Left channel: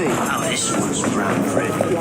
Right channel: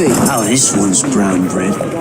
Evie! Oh, this one's brown bread.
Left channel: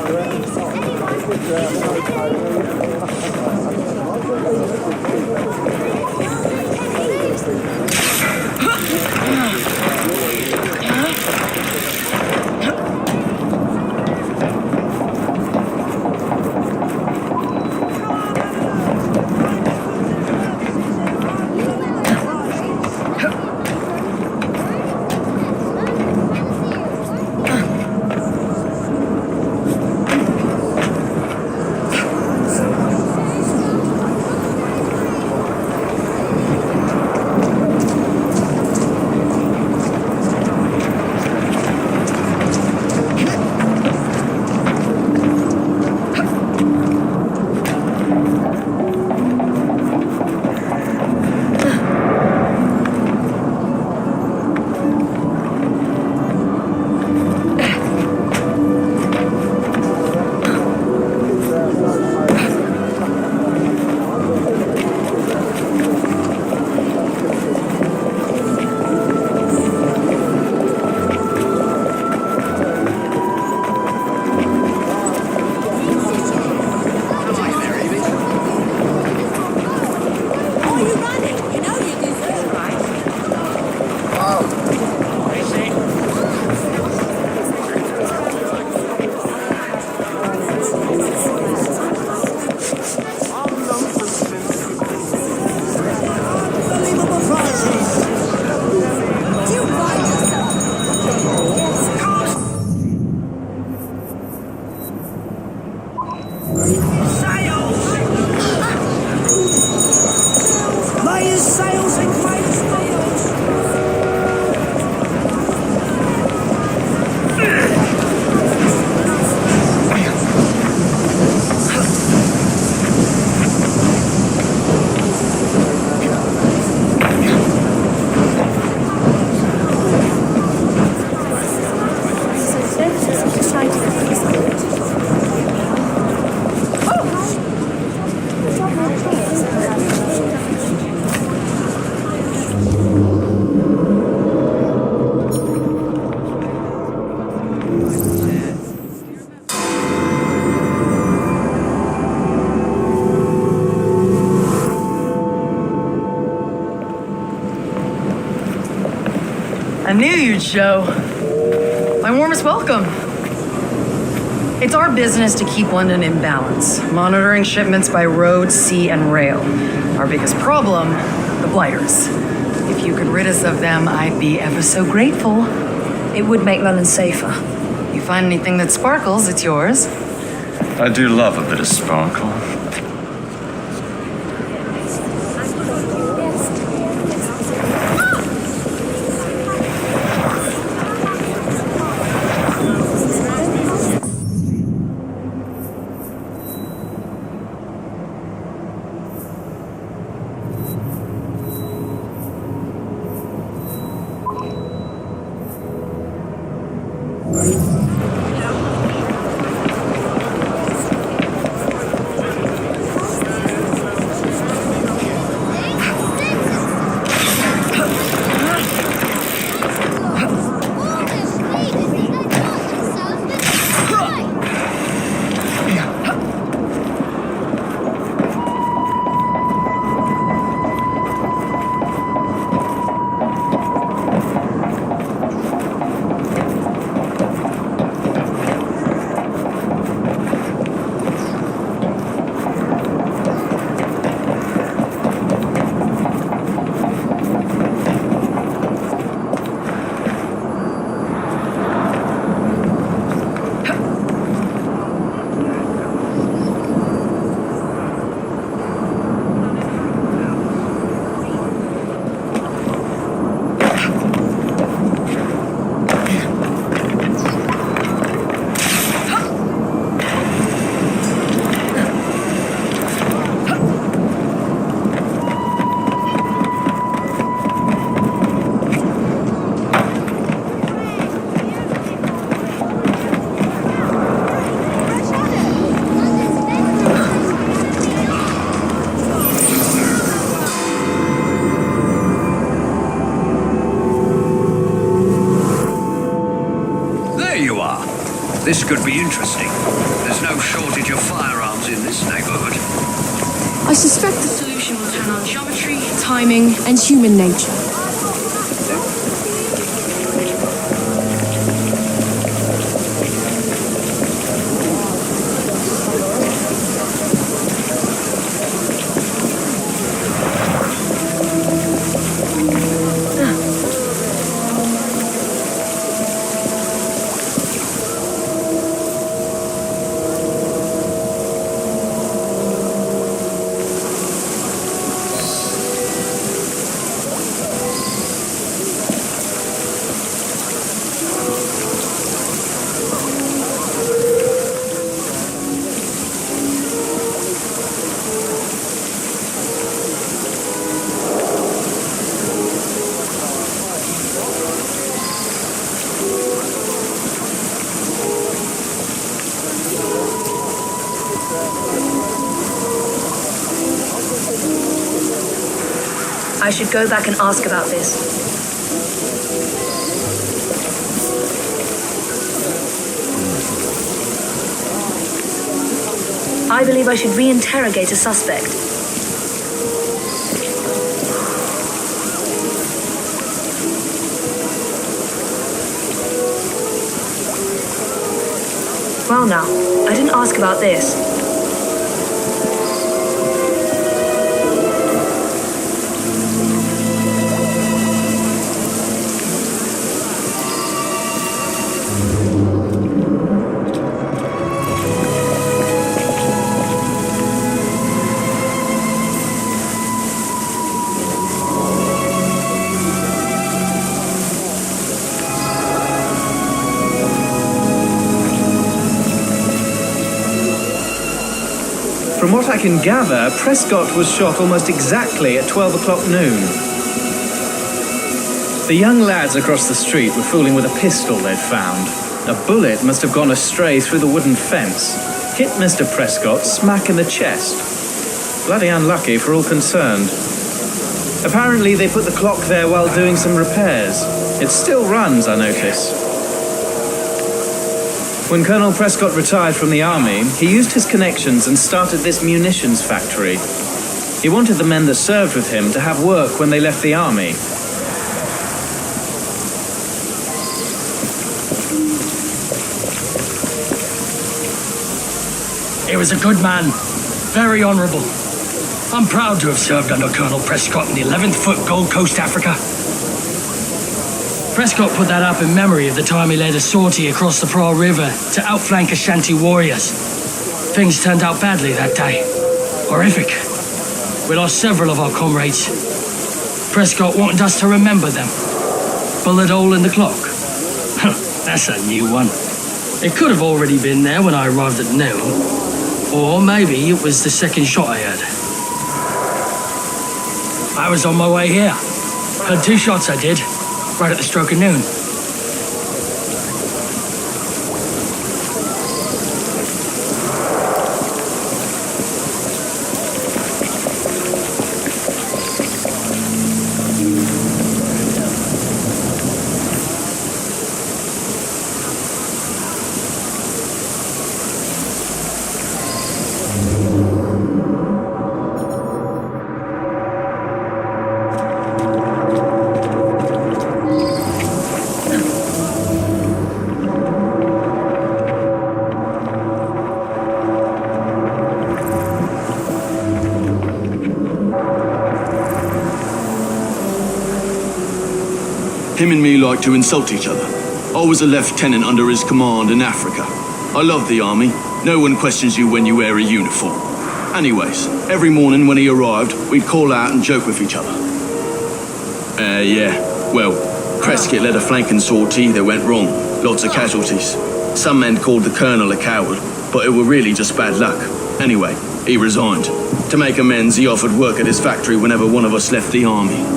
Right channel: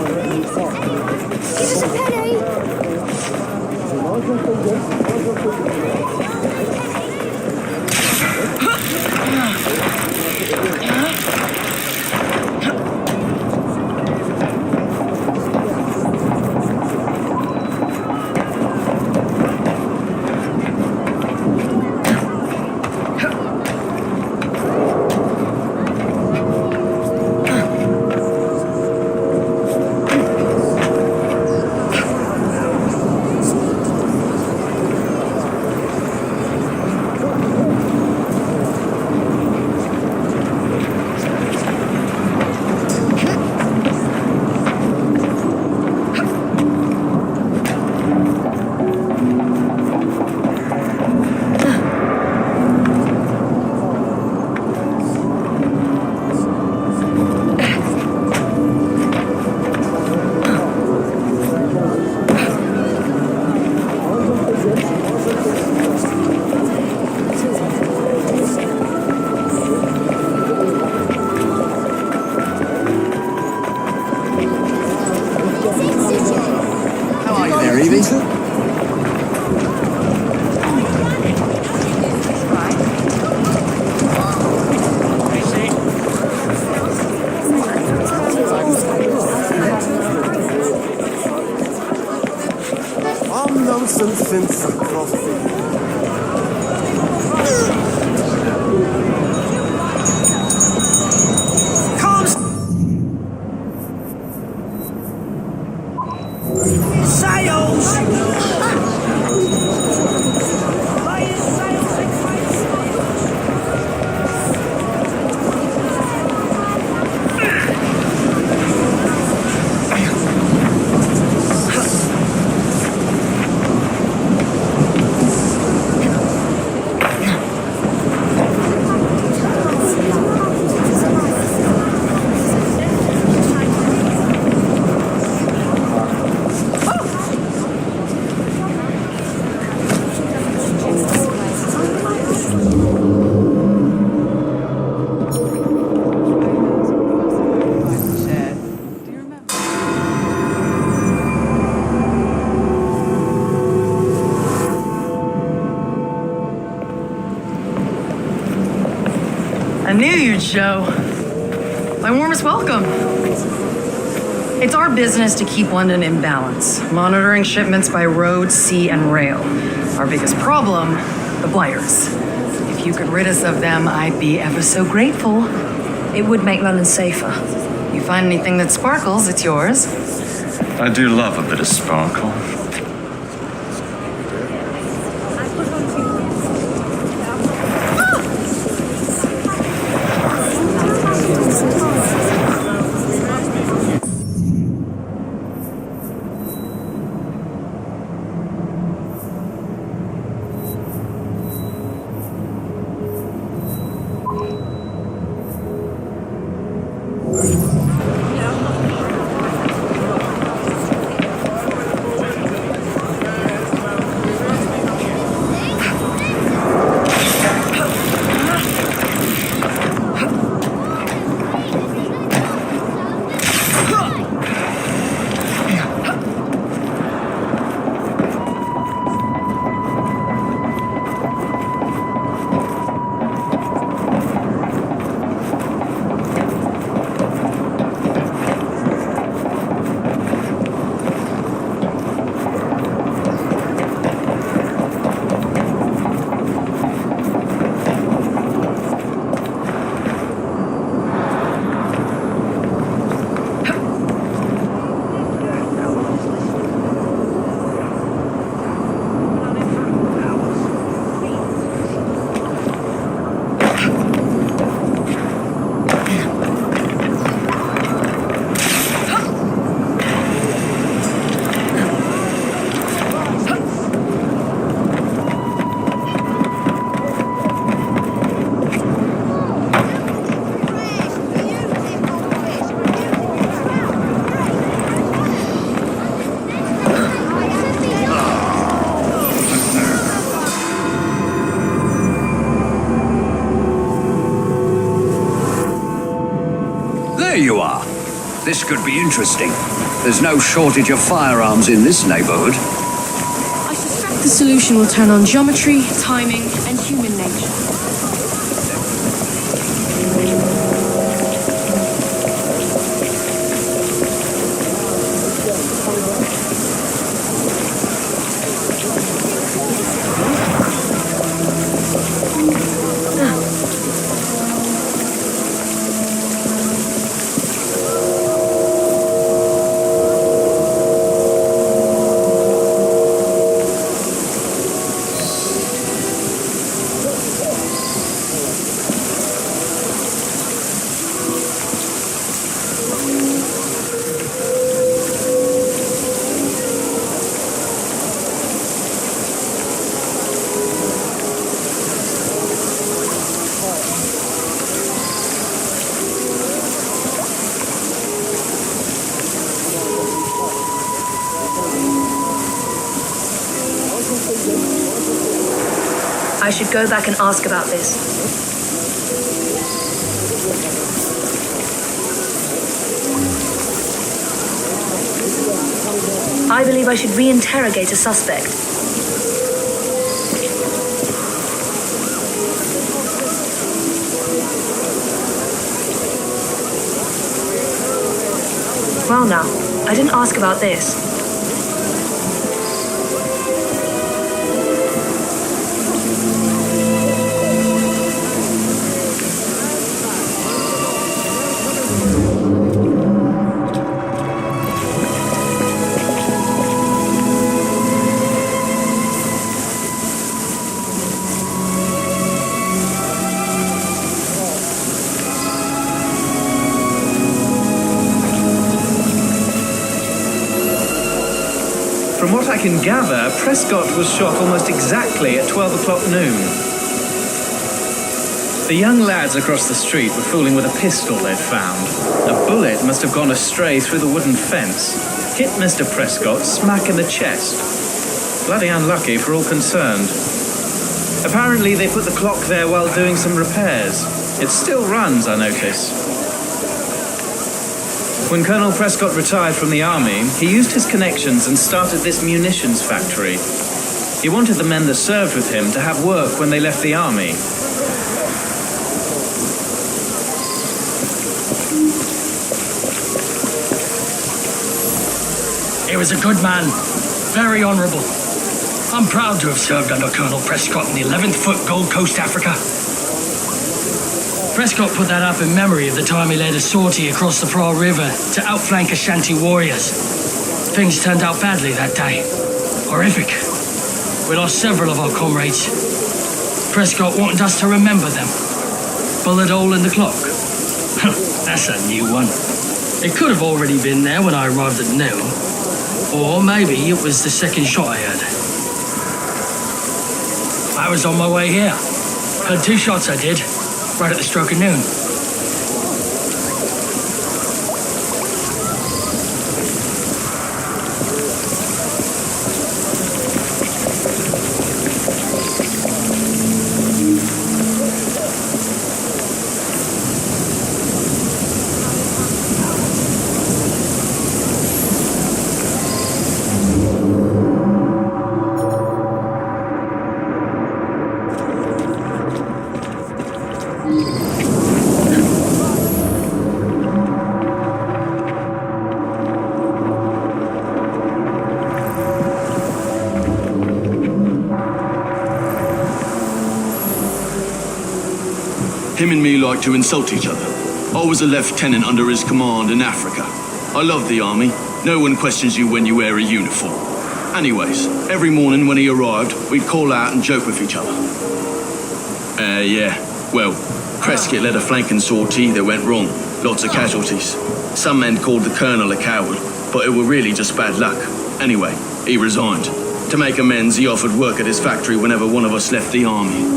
I knew you'd show. My warmest welcome. It's our business to keep London in balance, monitoring shipments by road, sea, and rail. Our biggest problem, the blighters. If you could rid us of them, I'd be ever so grateful. It would make London safer. You find anything that sparkles, it's yours. I do love a bit of sparkle. This could be interesting. There's no shortage of firearms in this neighborhood. I suspect the solution will turn on geometry, timing, and human nature. I should go back and ask about this. I believe I should re-interrogate a suspect. Well now, I didn't ask about this. From what I can gather, Prescott was shot almost exactly at 12 o'clock noon. The young lads across the street were fooling with a pistol they'd found. A bullet must have gone astray through the wooden fence, hit Mr. Prescott smack in the chest. Bloody unlucky for all concerned. Apparently they put the clock there while doing some repairs. It still runs, I notice. When Colonel Prescott retired from the army, he used his connections and started this munitions factory. He wanted the men that served with him to have work when they left the army. He was a good man, very honourable. I'm proud to have served under Colonel Prescott in the 11th Foot Gold Coast, Africa. Prescott put that up in memory of the time he led a sortie across the Pra River to outflank Ashanti warriors. Things turned out badly that day. Horrific. We lost several of our comrades. Prescott wanted us to remember them. Bullet hole in the clock. That's a new one. It could have already been there when I arrived at noon. Or maybe it was the second shot I heard. I was on my way here. Heard 2 shots, I did. Right at the stroke of noon. Him and me like to insult each other. I was a lieutenant under his command in Africa. I love the army. No one questions you when you wear a uniform. Anyways, every morning when he arrived, we'd call out and joke with each other. Yeah. Well, Prescott led a flanking sortie that went wrong. Lots of casualties. Some men called the colonel a coward, but it were really just bad luck. Anyway, he resigned. To make amends, he offered work at his factory whenever one of us left the army.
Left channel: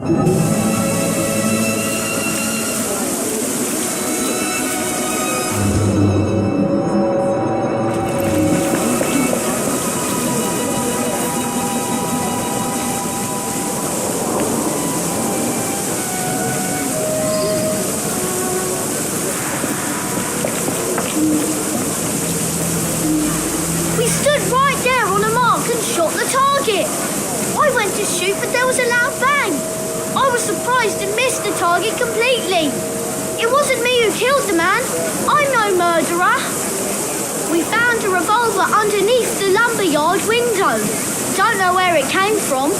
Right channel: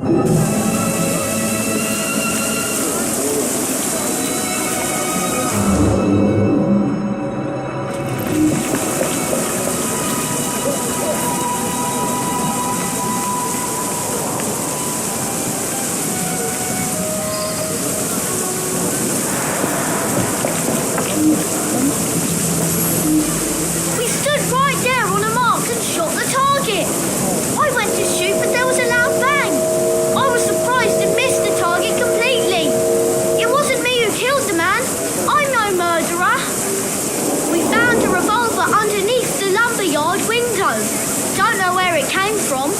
We stood right there on a mark and shot the target. I went to shoot, but there was a loud bang. I was surprised and missed the target completely. It wasn't me who killed the man. I'm no murderer. We found a revolver underneath the lumberyard window. Don't know where it came from.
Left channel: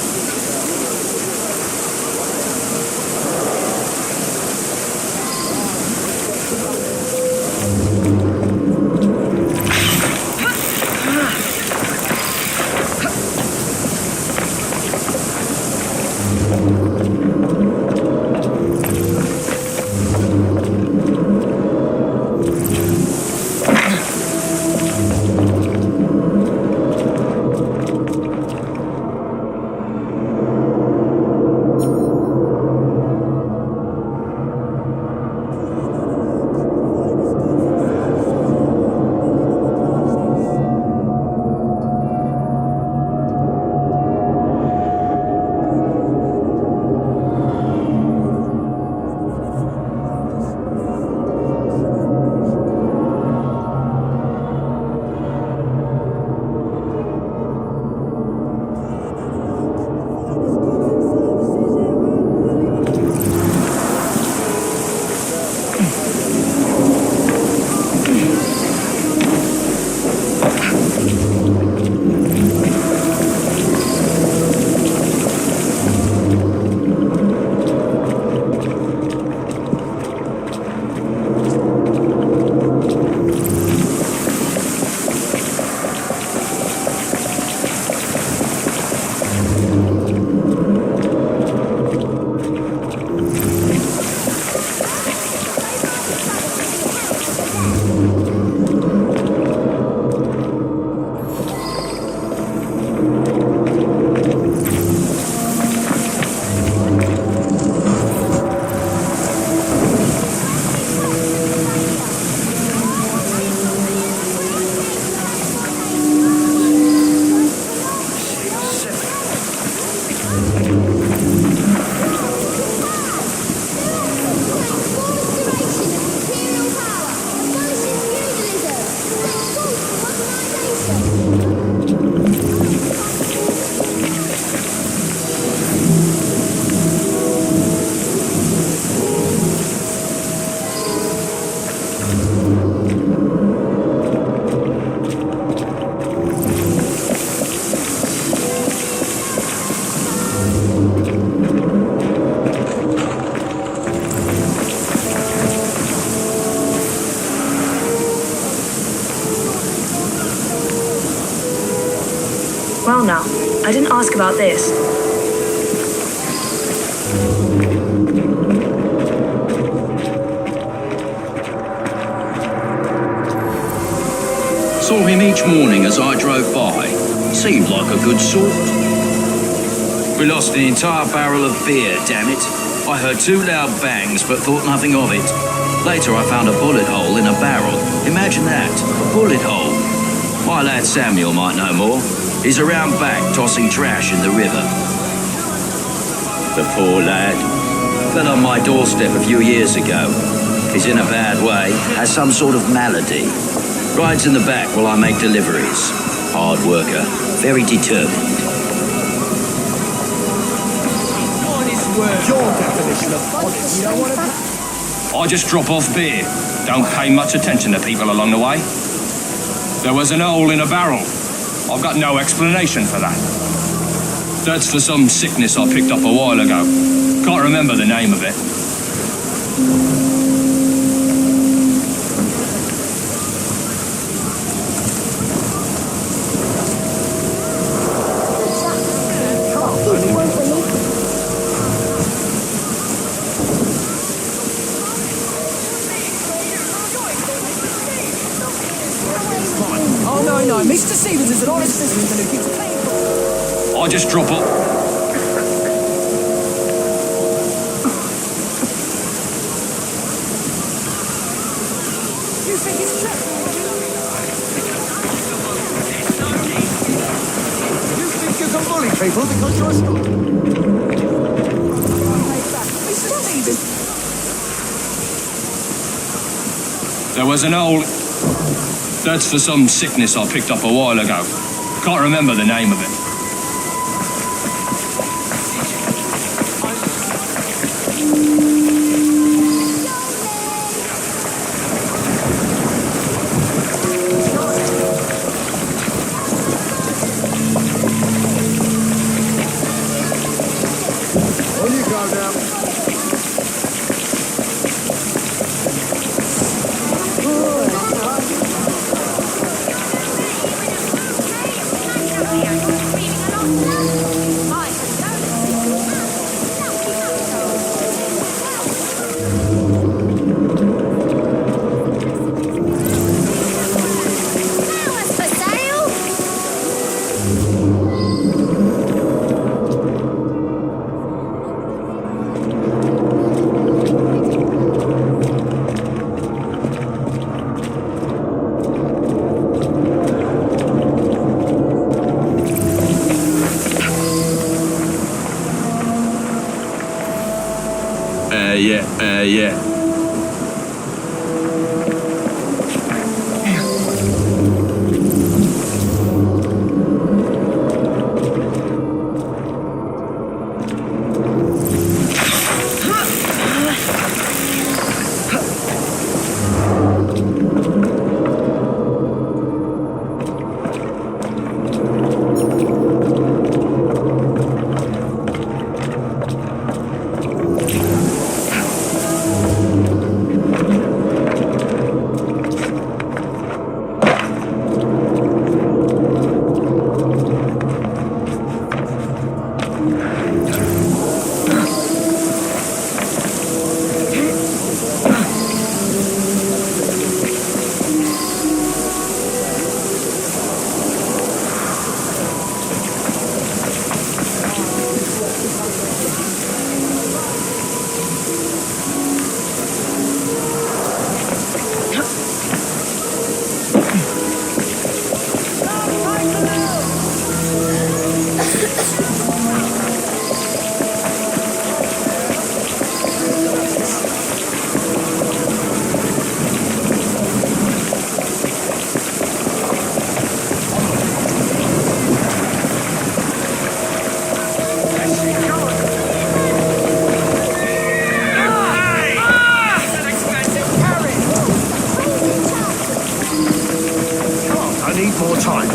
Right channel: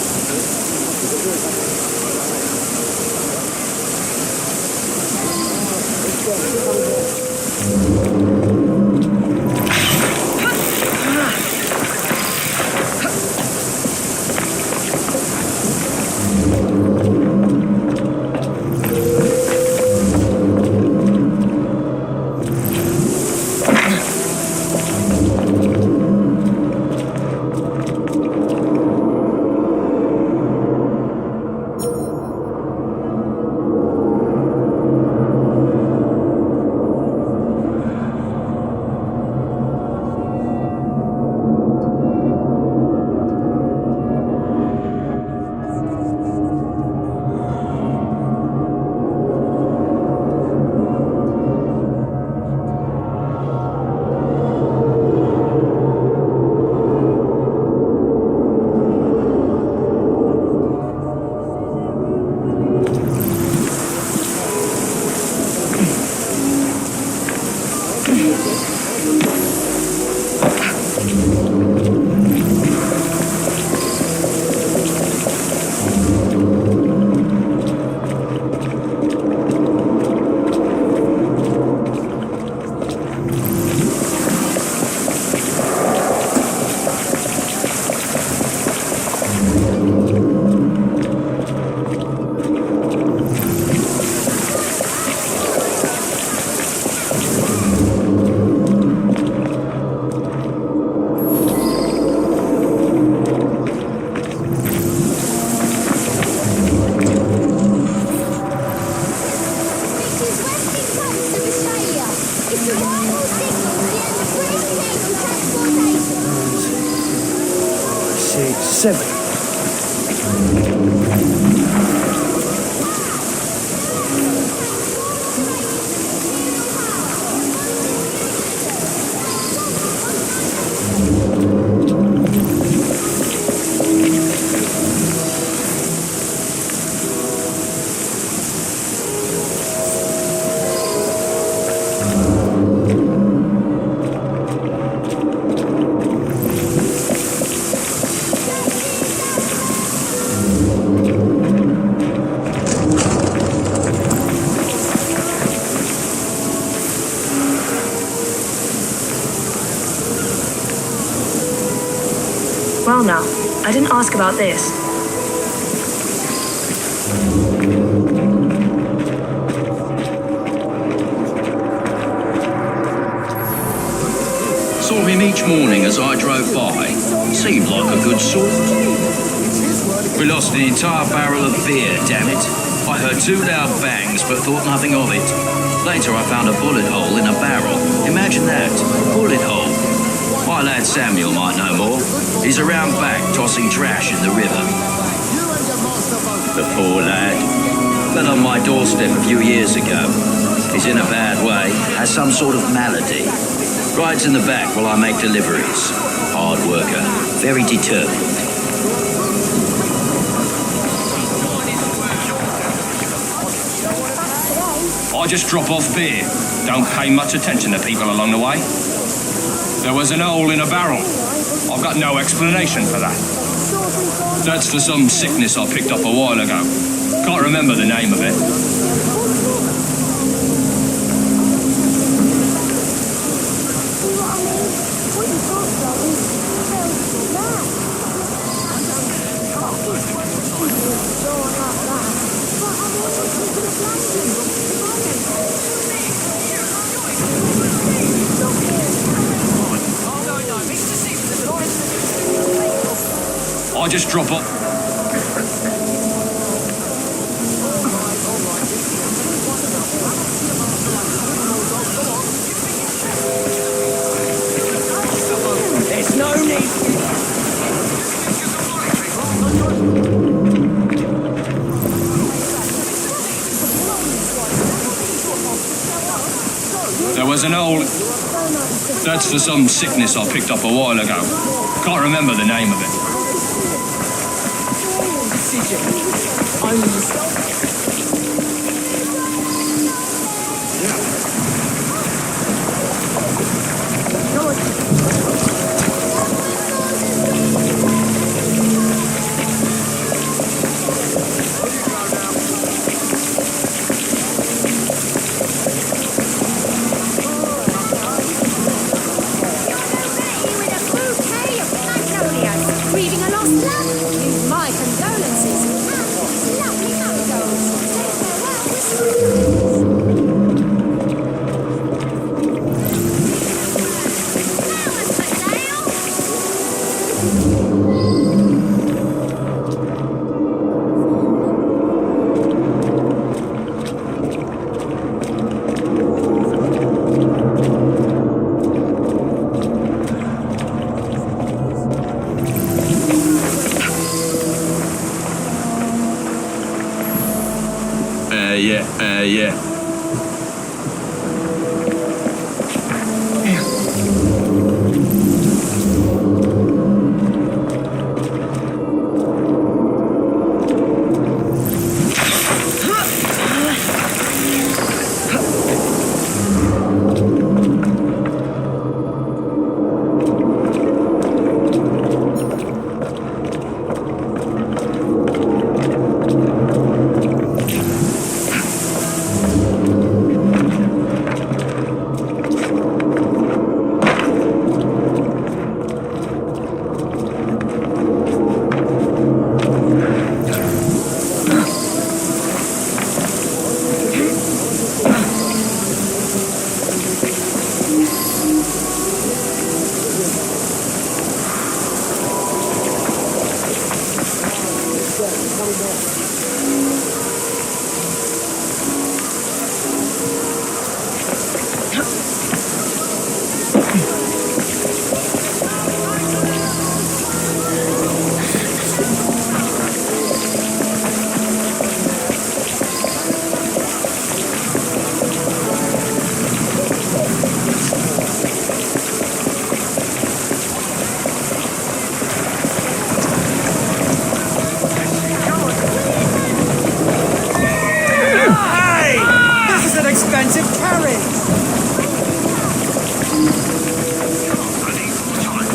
Well now, I didn't ask about this. Saw him each morning as I drove by. Seemed like a good sort. We lost an entire barrel of beer, damn it. I heard 2 loud bangs but thought nothing of it. Later I found a bullet hole in a barrel. Imagine that, a bullet hole. My lad Samuel might know more. He's around back tossing trash in the river. The poor lad. Fell on my doorstep a few years ago. He's in a bad way, has some sort of malady. Rides in the back while I make deliveries. Hard worker, very determined. I just drop off beer. Don't pay much attention to people along the way. There was an hole in a barrel. I've got no explanation for that. That's for some sickness I picked up a while ago. Can't remember the name of it. I just drop up. There was an old... That's for some sickness I picked up a while ago. Can't remember the name of it. Yeah. I need more time.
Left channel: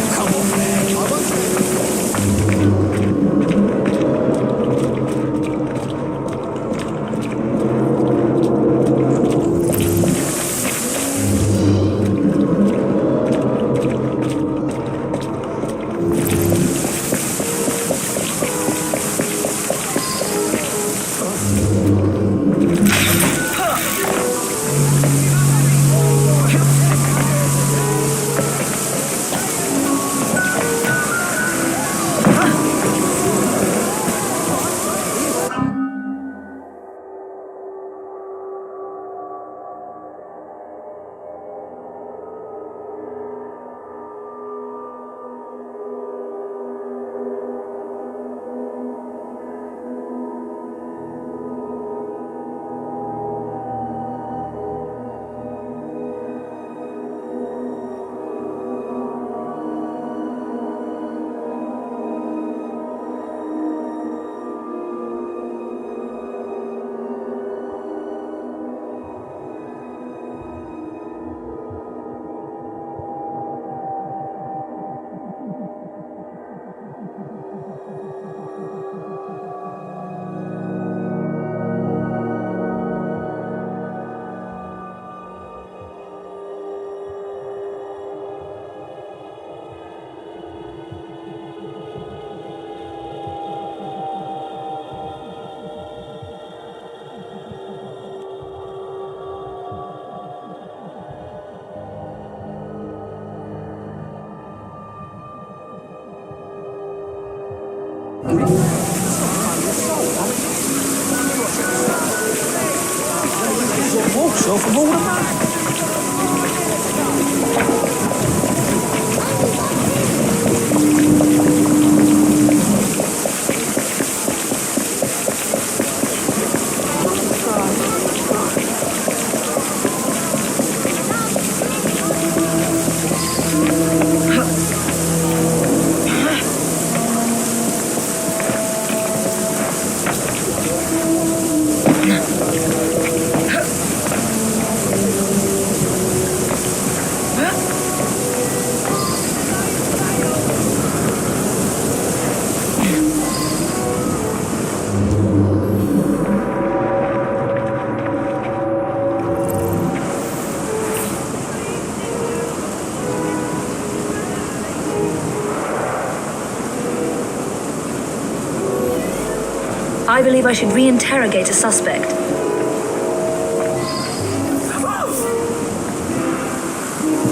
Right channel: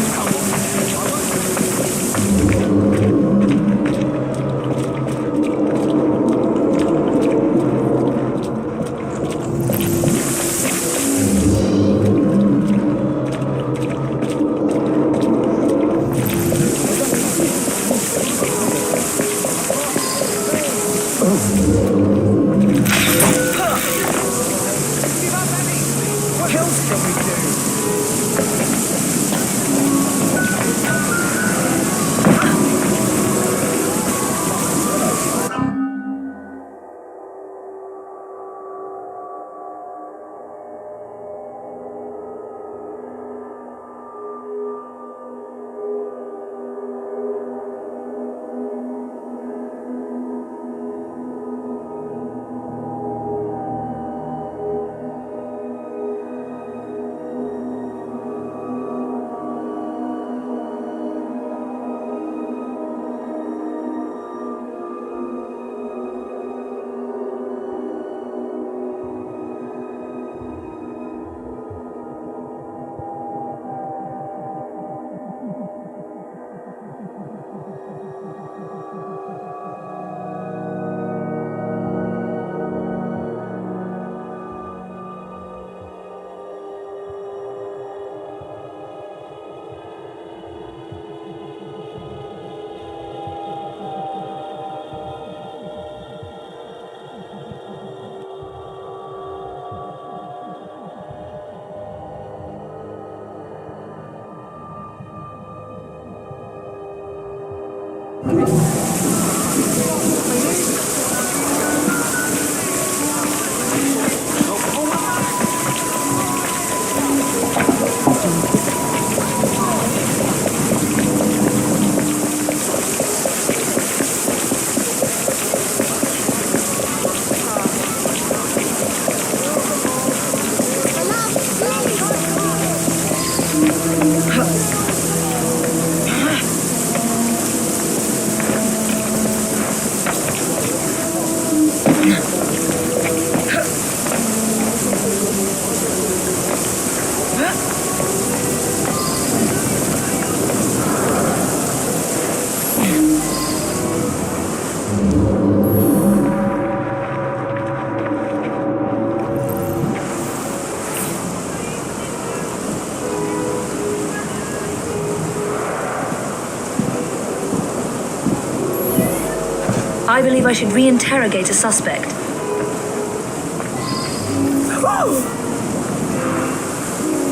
I believe I should reinterrogate a suspect.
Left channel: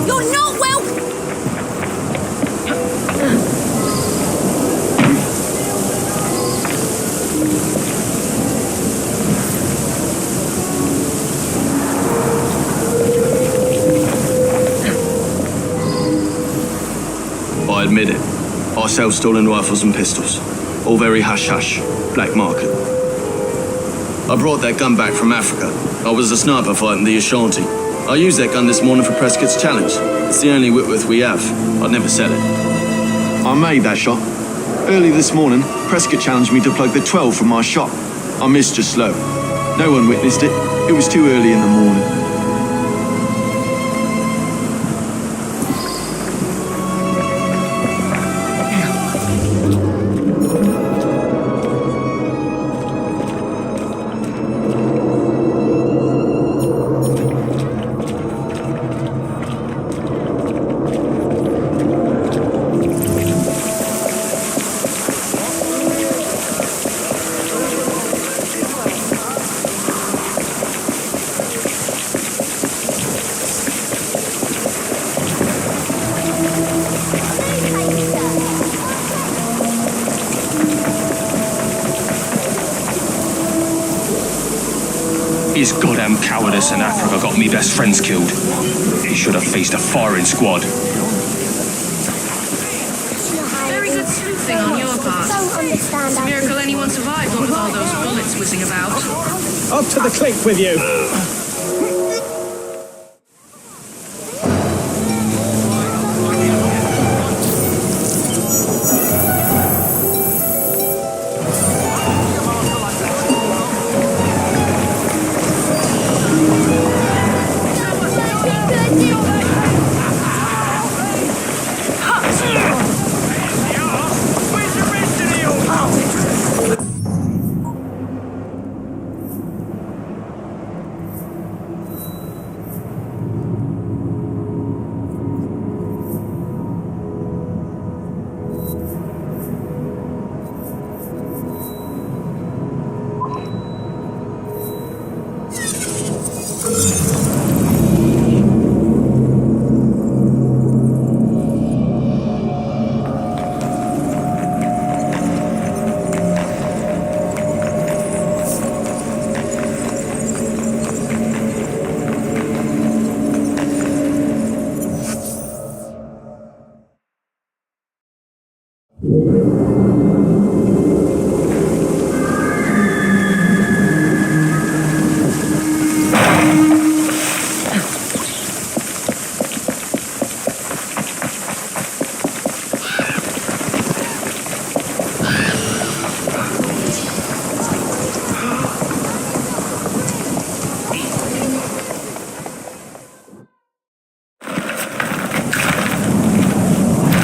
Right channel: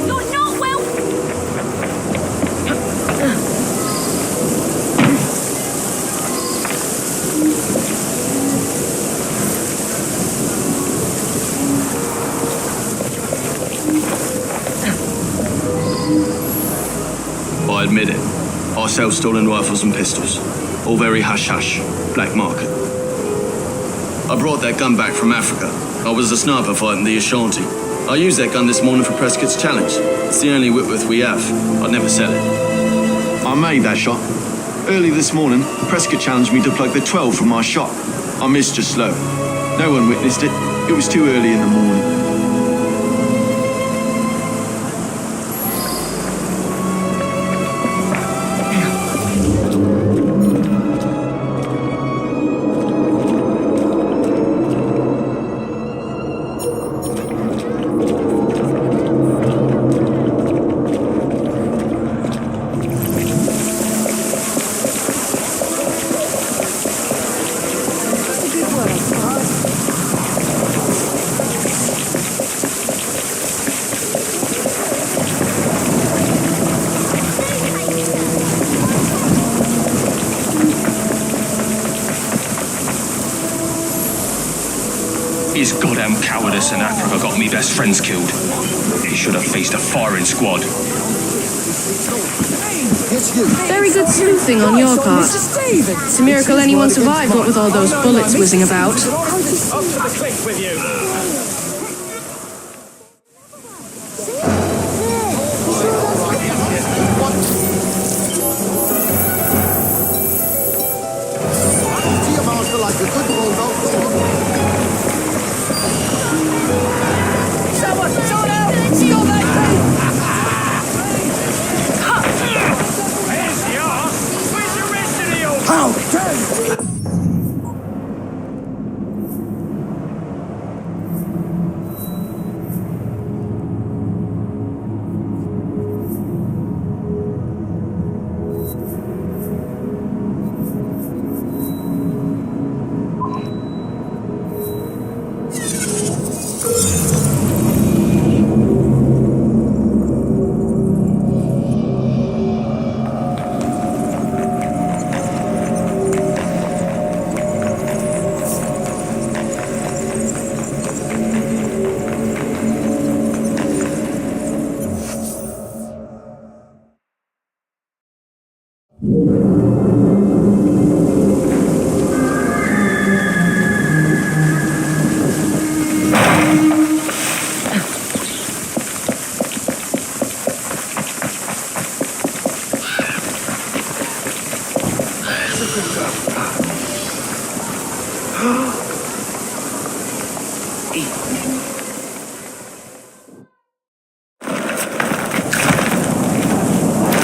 You're not well. I admit it. I sell stolen rifles and pistols. All very hush-hush. Black market. I brought that gun back from Africa. I was a sniper fighting the Ashanti. I used that gun this morning for Prescott's challenge. It's the only Whitworth we have. I'd never sell it. I made that shot. Early this morning, Prescott challenged me to plug the 12 from my shot. I missed just slow. No one witnessed it. It was too early in the morning. His goddamn cowardice in Africa got me best friends killed. He should have faced a firing squad. Very good sleuthing on your part. It's a miracle anyone survived, what with all those bullets whizzing about. Up to the cliff with you.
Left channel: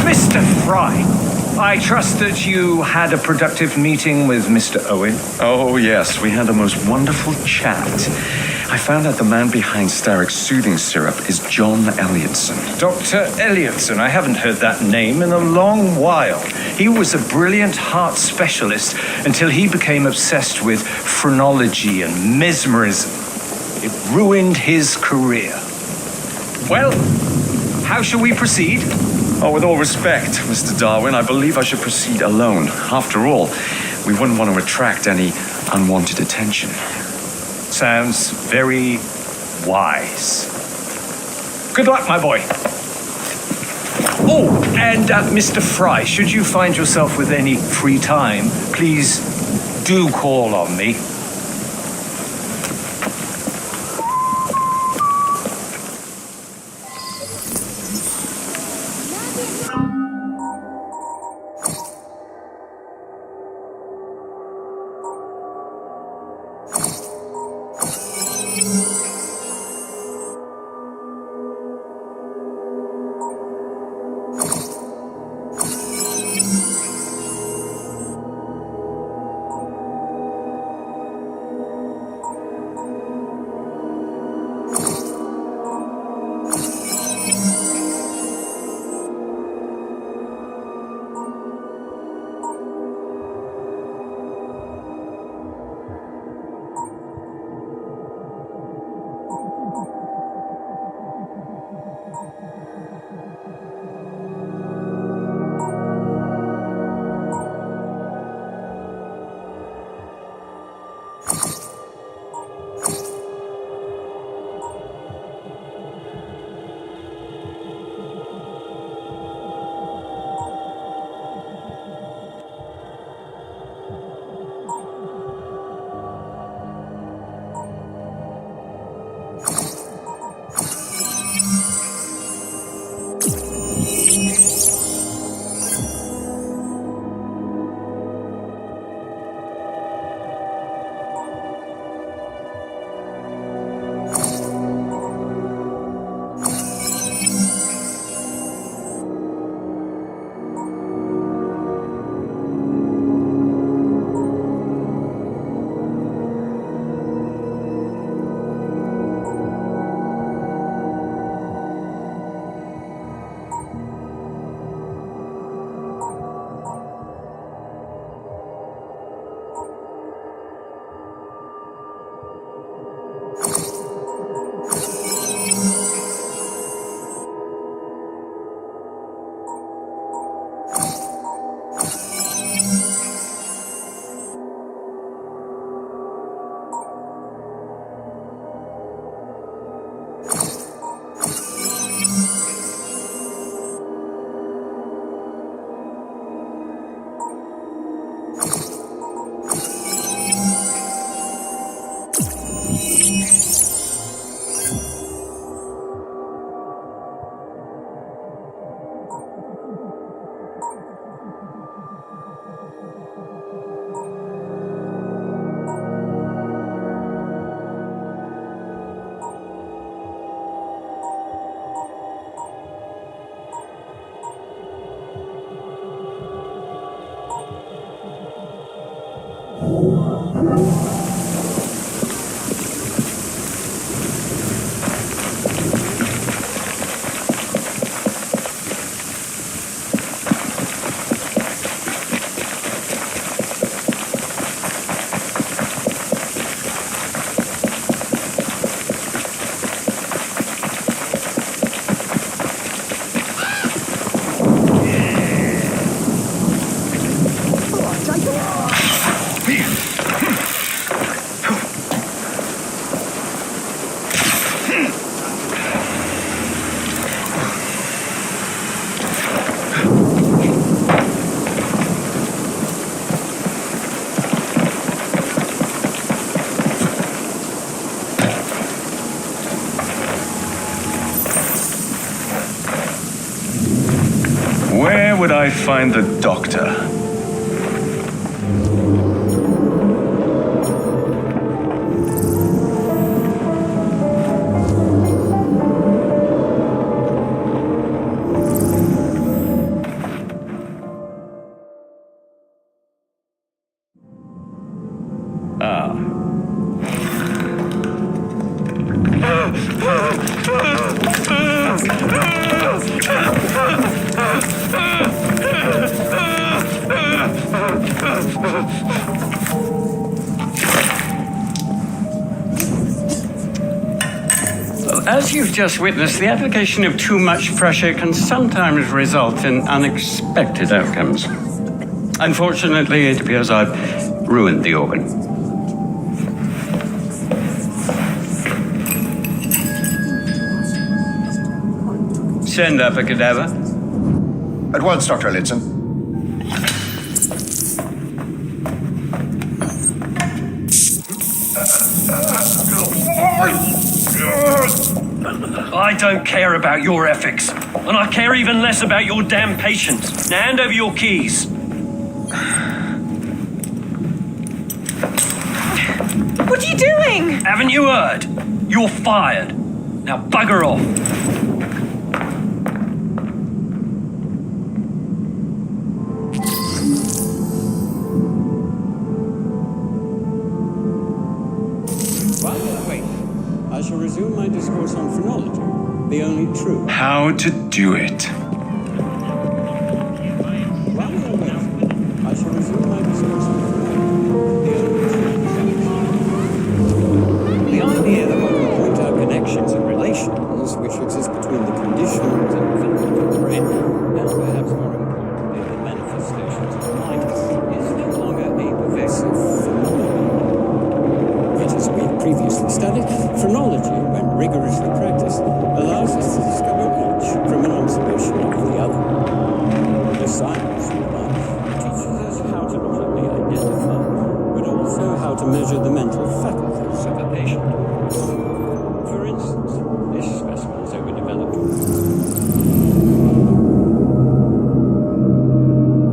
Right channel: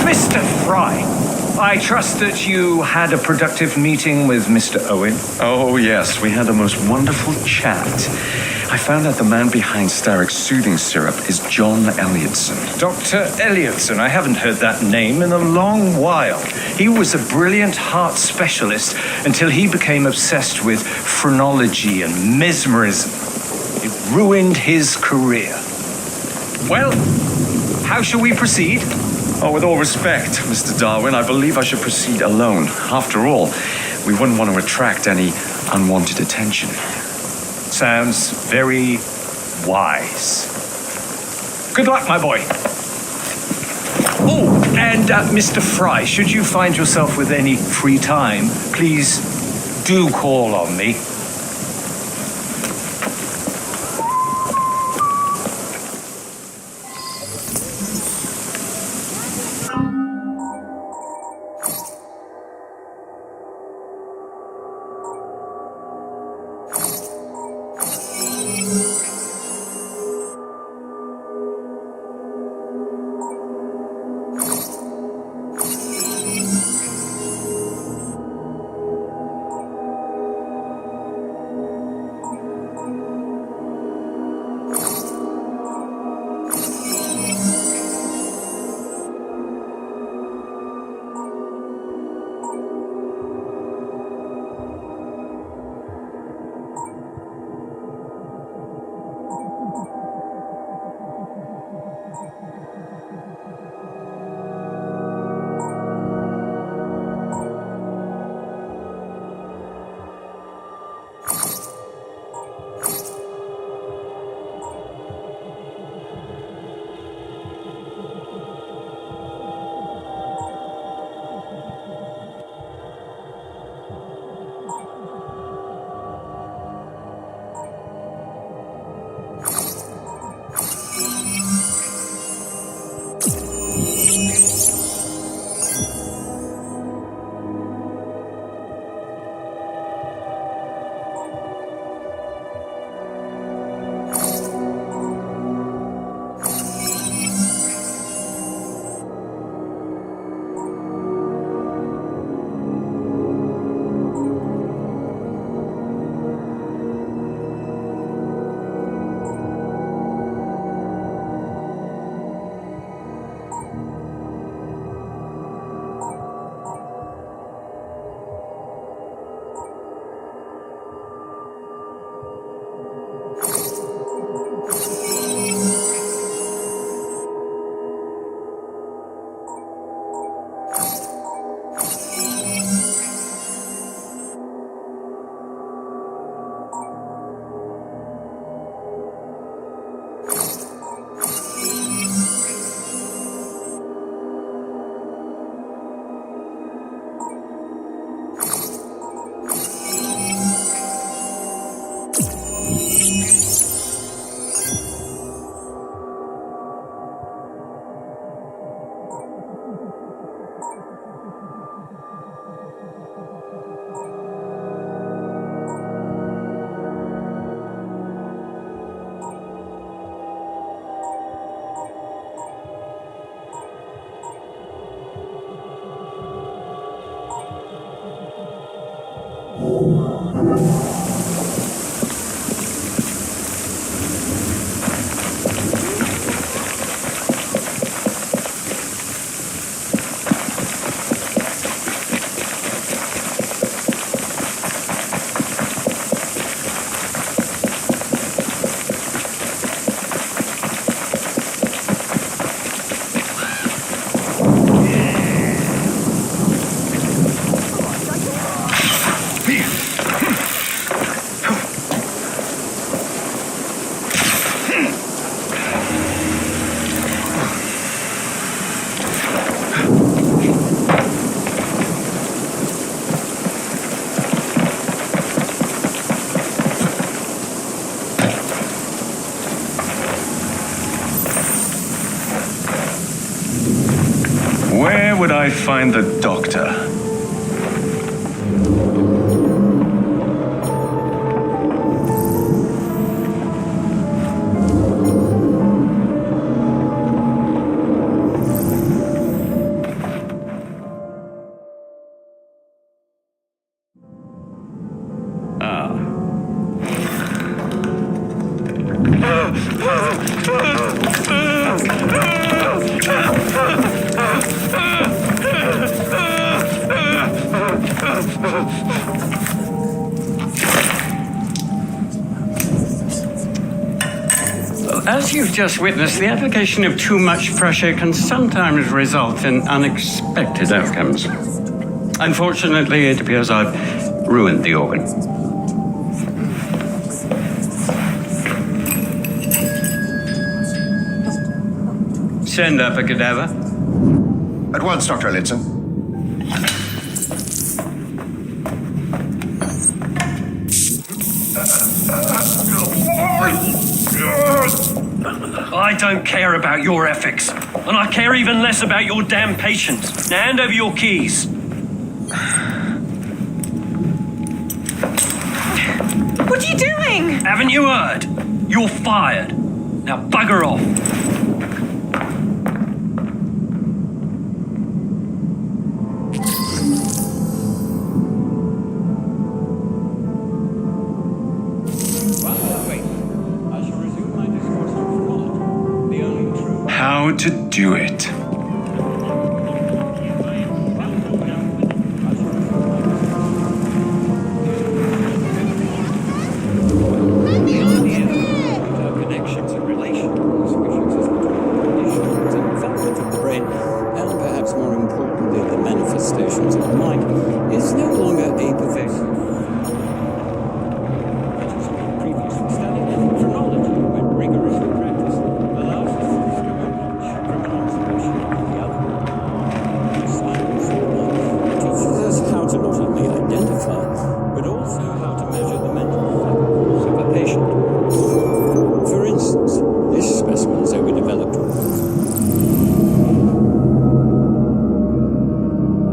Mr. Frye, I trust that you had a productive meeting with Mr. Owen. Oh, yes, we had a most wonderful chat. I found out the man behind Starrick's soothing syrup is John Elliotson. Dr. Elliotson, I haven't heard that name in a long while. He was a brilliant heart specialist until he became obsessed with phrenology and mesmerism. It ruined his career. Well, how shall we proceed? Oh, with all respect, Mr. Darwin, I believe I should proceed alone. After all, we wouldn't want to attract any unwanted attention. Sounds very wise. Good luck, my boy. Oh, and Mr. Frye, should you find yourself with any free time, please do call on me. Where would I find the doctor? As you've just witnessed, the application of too much pressure can sometimes result in unexpected outcomes. Unfortunately, it appears I've ruined the organ. Send up a cadaver. At once, Dr. Elliotson. I don't care about your ethics, and I care even less about your damn patients. Now hand over your keys. What are you doing? Haven't you heard? You're fired. Now bugger off. How to do it. The idea that one can point out connections and relations which exist between the conditions and development of the brain, and perhaps more importantly, the manifestations of the mind, is no longer a pervasive phenomenon. But as we had previously studied, phrenology, when rigorously practiced, allows us to discover each from an observation of the other. The science of the mind teaches us how to not only identify, but also how to measure the mental faculties of a patient. For instance, this specimen is overdeveloped.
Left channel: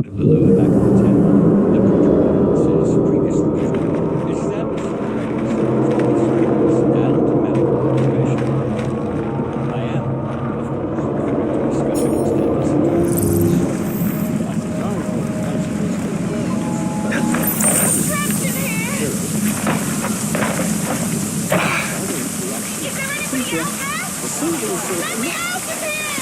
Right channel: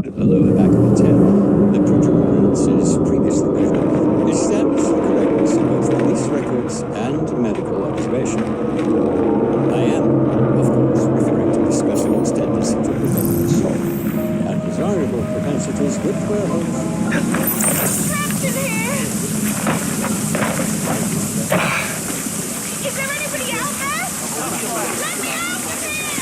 The lower back of the tail, the protuberance is previously measured, established the correctness of both these records and medical observation. I am, of course, referring to the special extended situations. Undesirable capacities Trapped in here! Is there anybody out there? Let me out of here!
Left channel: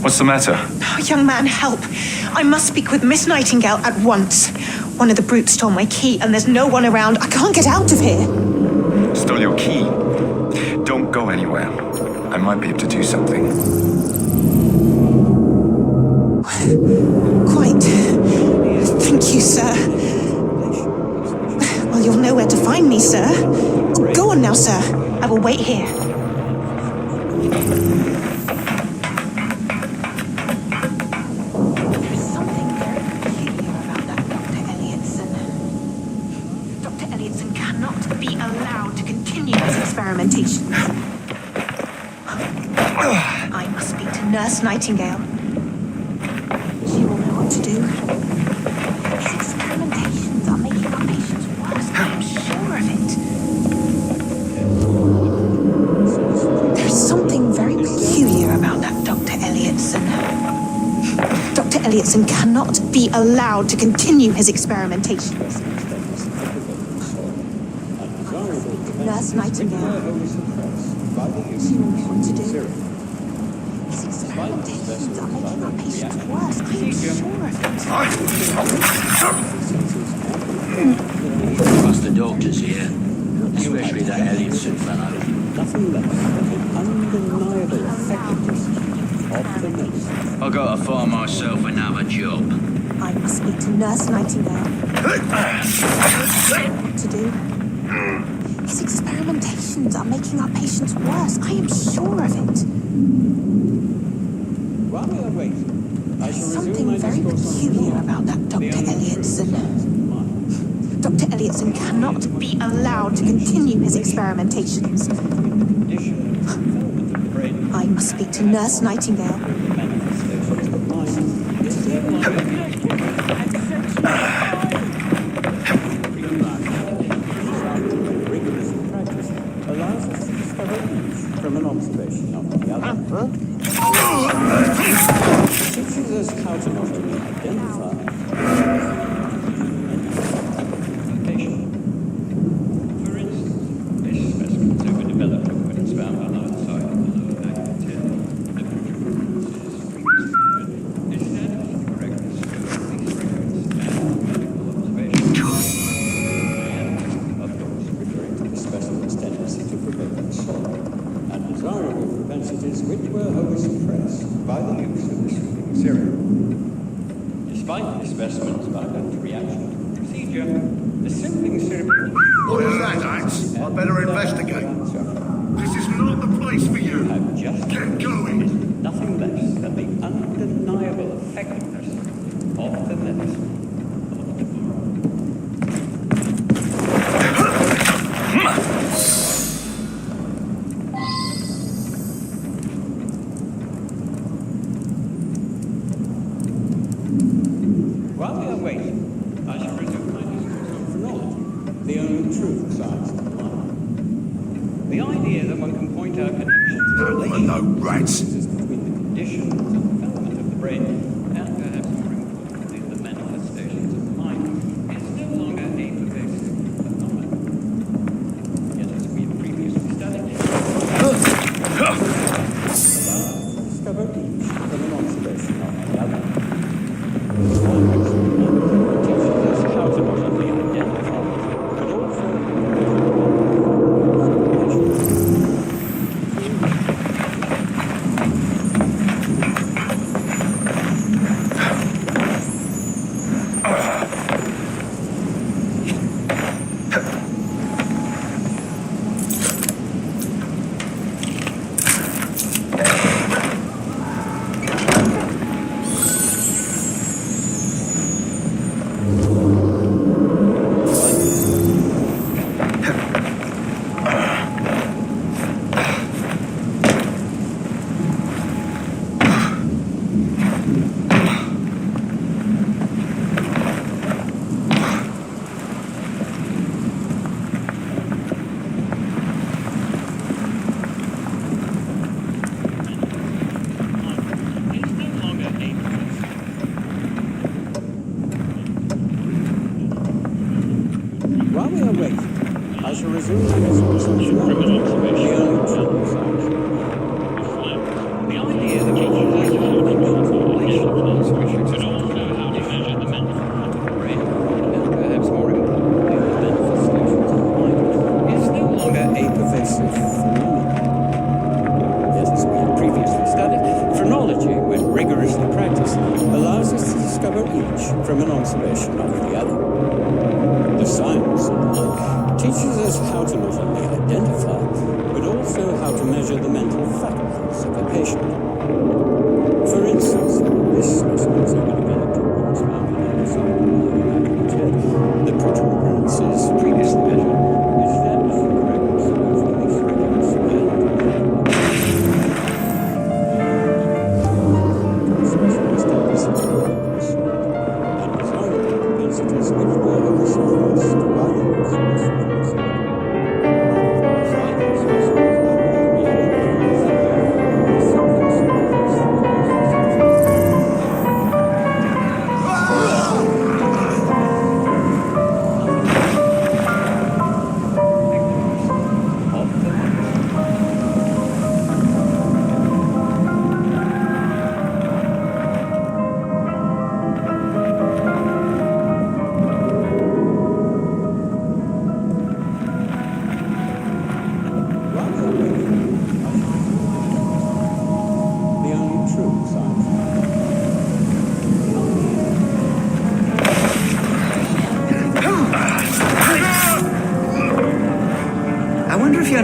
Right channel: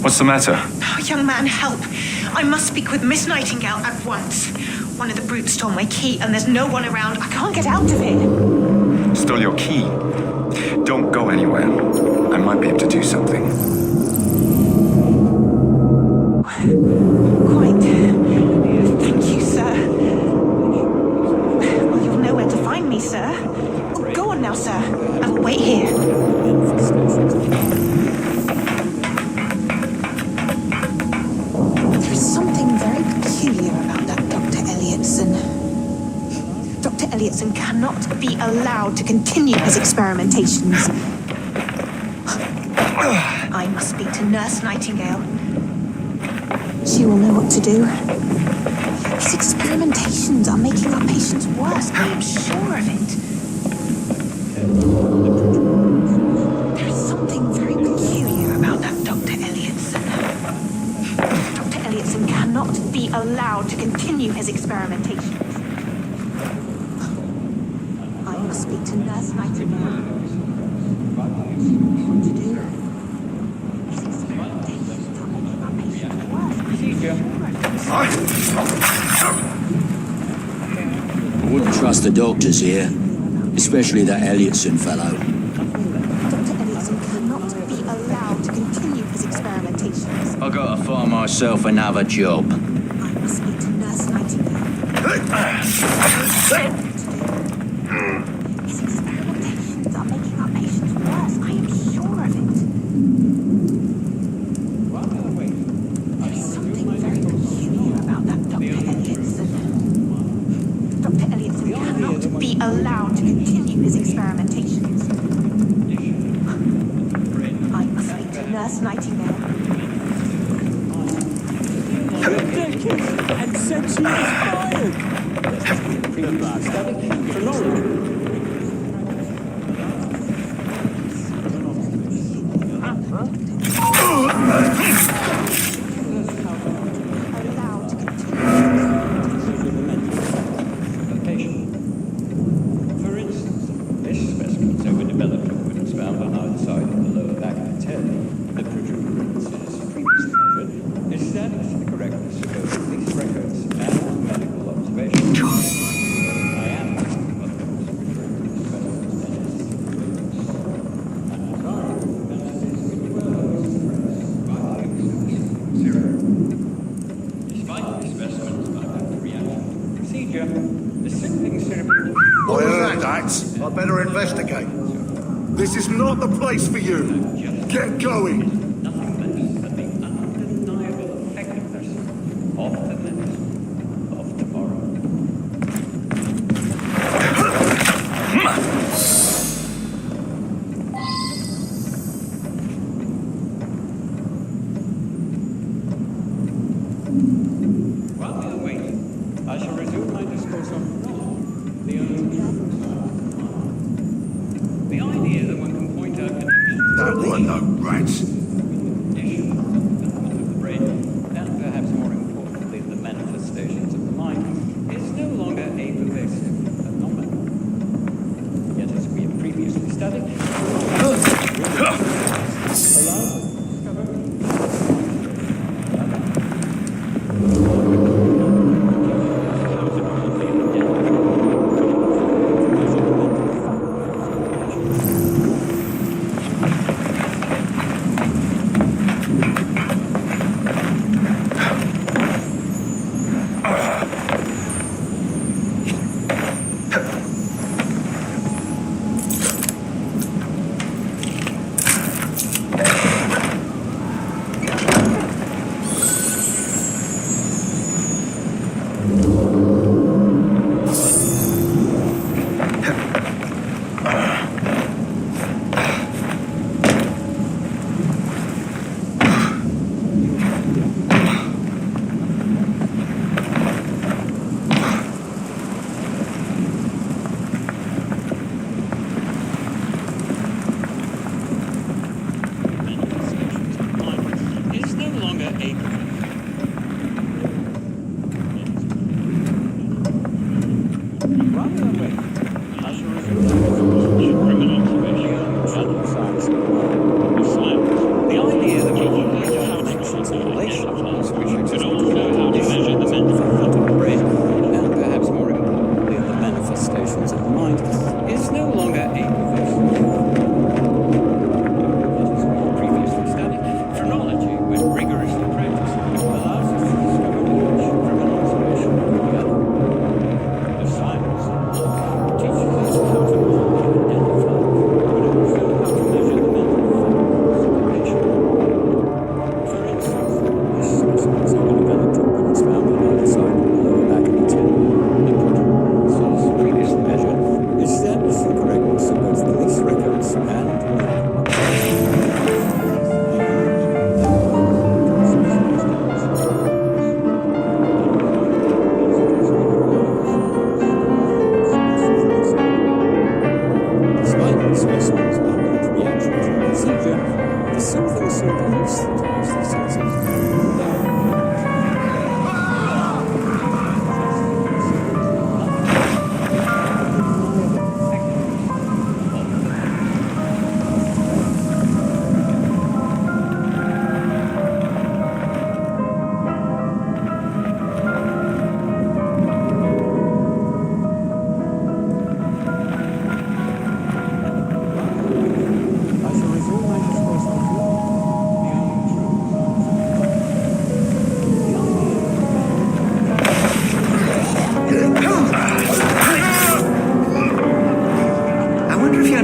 What's the matter? Oh, young man, help. I must speak with Miss Nightingale at once. One of the brutes stole my key and there's no one around. I can't get out of here. Stole your key. Don't go anywhere. I might be able to do something. Quite. Thank you, sir. Well, you'll know where to find me, sir. Go on now, sir. I will wait here. There is something very peculiar about that Dr. Elliotson. Elliotson cannot be allowed to continue his experimentations. I must speak to Nurse Nightingale. She will know what to do. His experimentations are making our patients worse, I am sure of it. There is something very peculiar about that Dr. Elliotson. Dr. Elliotson cannot be allowed to continue his experimentations. I must speak to Nurse Nightingale. She will know what to do. His experimentations are making our patients worse. I wouldn't trust the doctors here, especially that Elliotson fellow. I gotta find myself another job. I must speak to Nurse Nightingale. What to do? His experimentations are making our patients worse. I am sure of it. There is something very peculiar about that Dr. Elliotson. Dr. Elliotson cannot be allowed to continue his experimentations. I must speak to Nurse Nightingale. What is that, Dax? I better investigate. This is not the place for you. Get going. Nothing less than the undeniable effectiveness of the medicine of tomorrow. While we are waiting, I shall resume my discourse on the only true science. The idea that one can point out connections There were no rats. conditions and development of the brain, and perhaps more importantly, the manifestations of the mind, is no longer a pervasive phenomenon. Yet, as we have previously studied, how to not only identify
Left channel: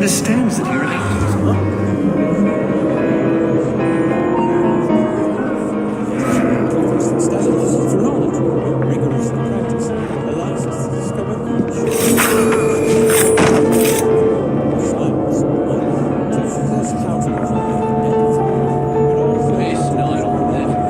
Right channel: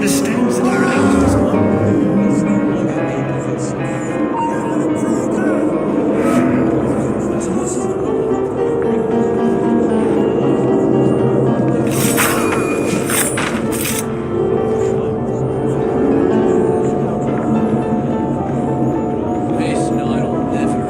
understands that he relaxes. This night will never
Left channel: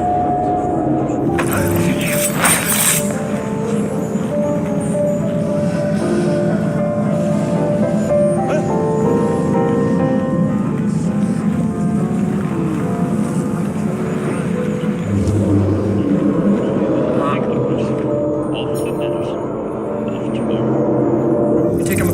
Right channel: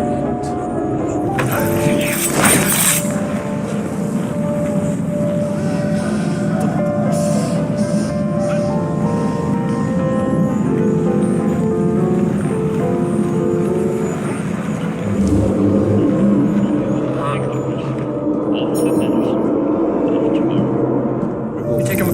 Take him.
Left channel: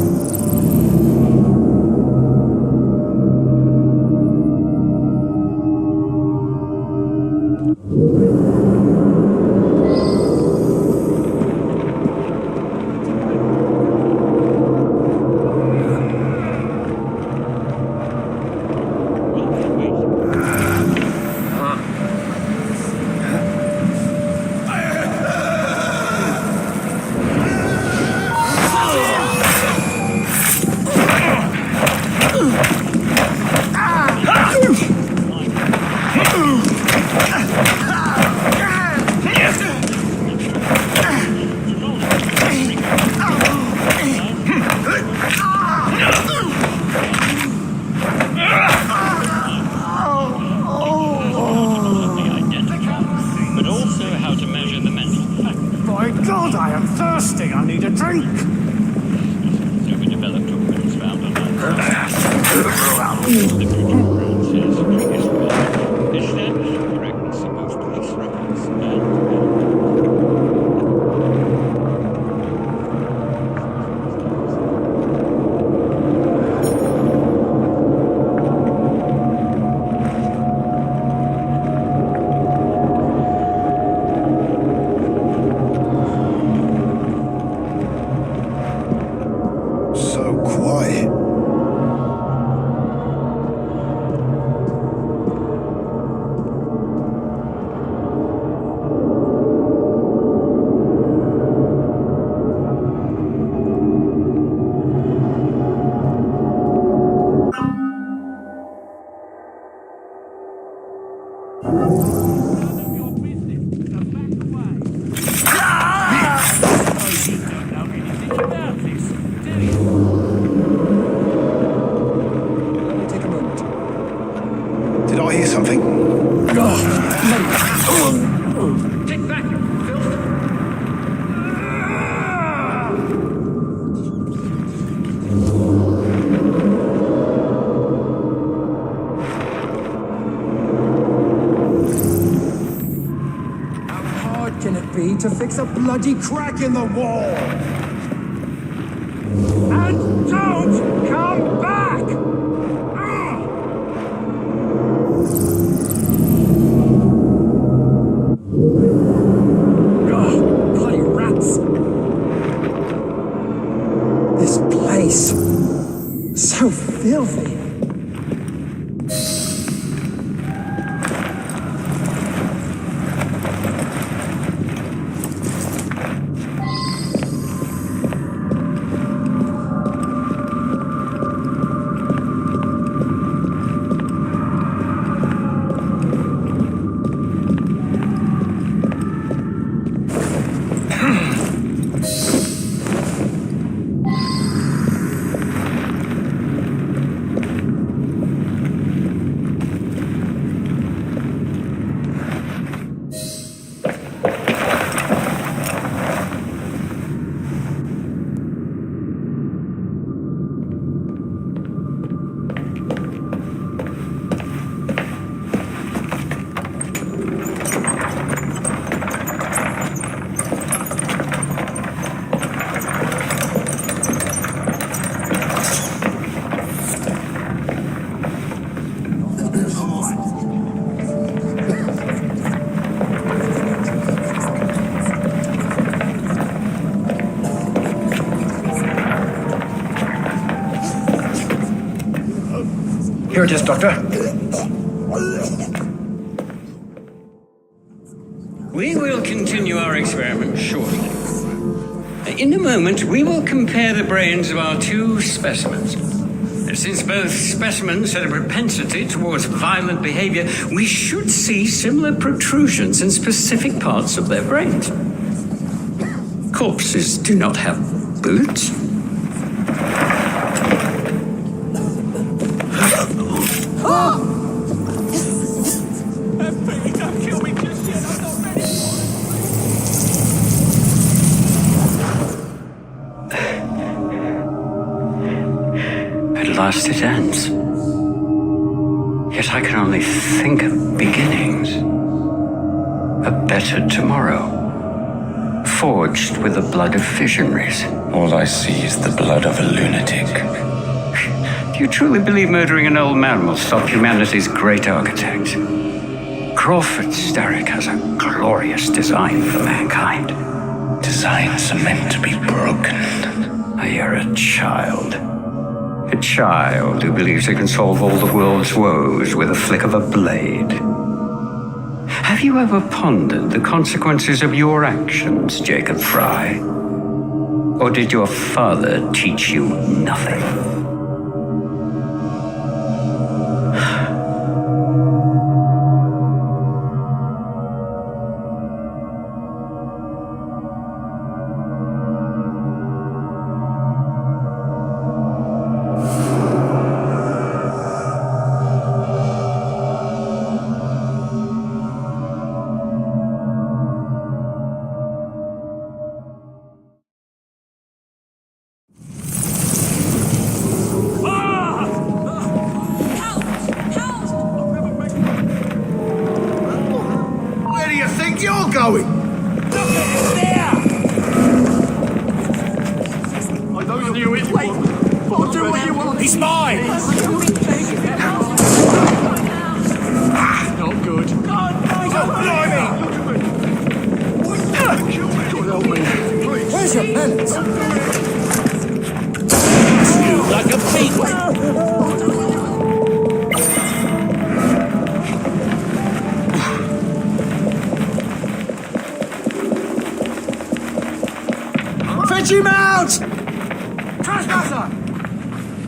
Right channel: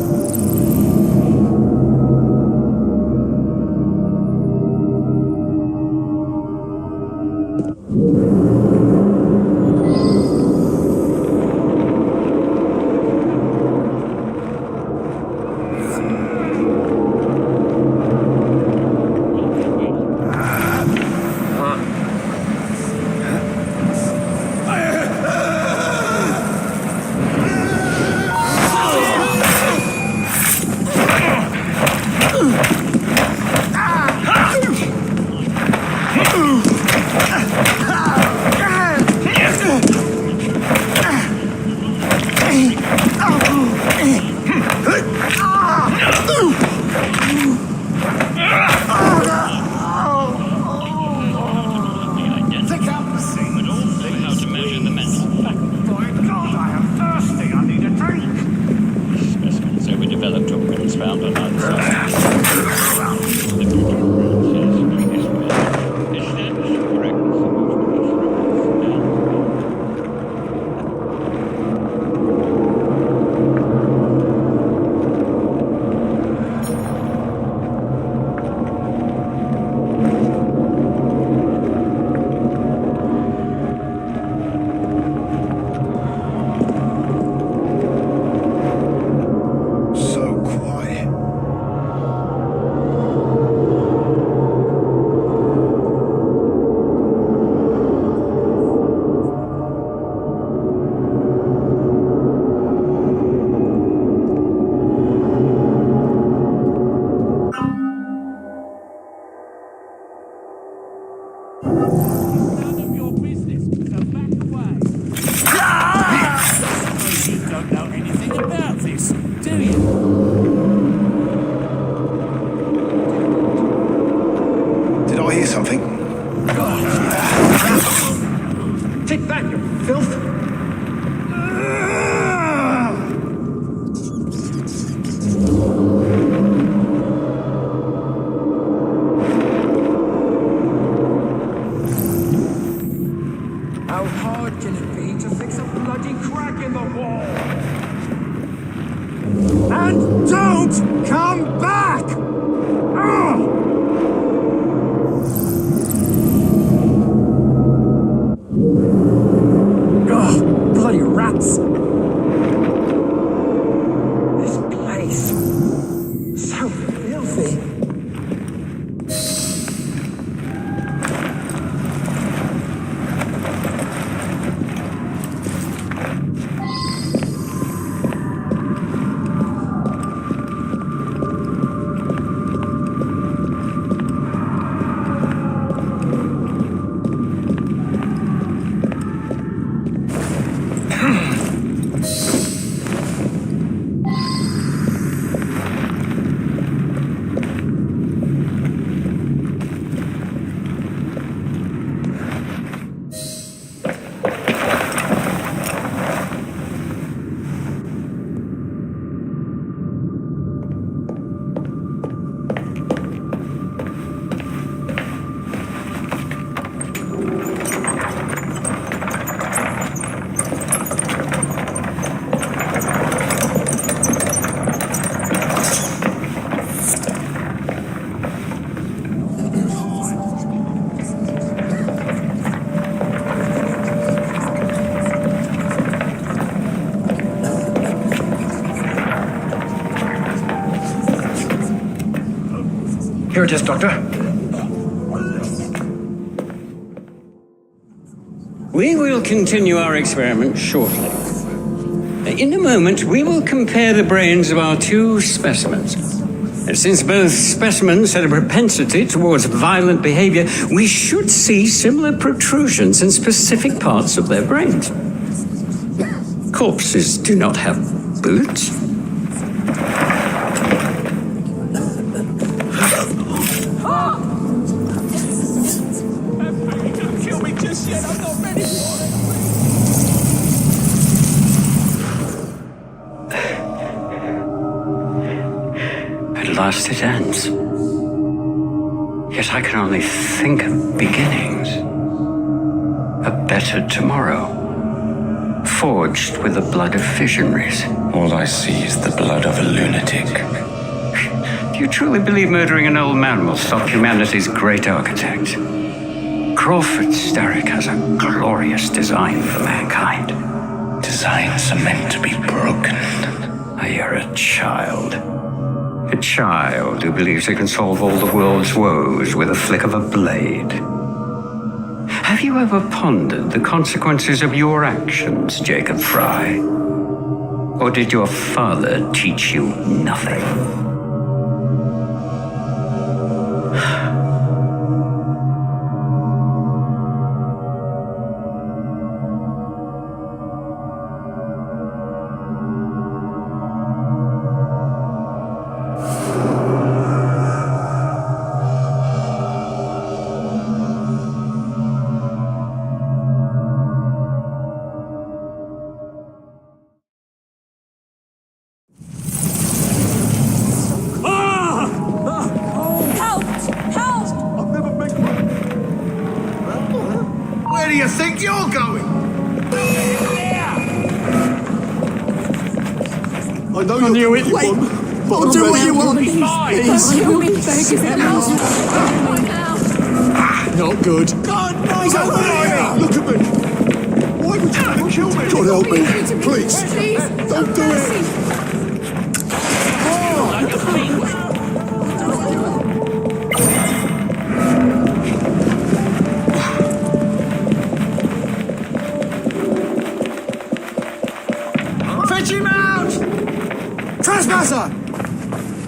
So quiet. Did I hear something? Take back your filth. How hard can it be to fix a bloody crack in the wall? And don't come back! Ugh! Ugh, bloody rats! This place, so filthy. Here it is, Doctor. We will continue our experiment shortly. In a moment, we will compare the brains of our two specimens. Since both specimens had a propensity towards violent behavior, we should see similar protrusions in specific parts of their brains. Corpses do not have boots. At last it ends. Yet I can only think of beginnings. A better tomorrow, forged with the blood of visionaries. All I see is the blood of a lunatic. Do you truly believe murdering an old man will stop humanity's great architect? Crawford Starrick has a glorious design for mankind. Designs are meant to be broken. You're a child. A child who believes it can solve all the world's woes with a flick of a blade. Have you ever pondered the consequences of your actions, Jacob Frye? Or did your father teach you nothing? Where do you think you're going? I knew it. What do you want these spies? Not good. Oh, blimey! Look at me. Don't kill me. Please. Don't do it. Like a fiend. Fetch him out! Trespasser!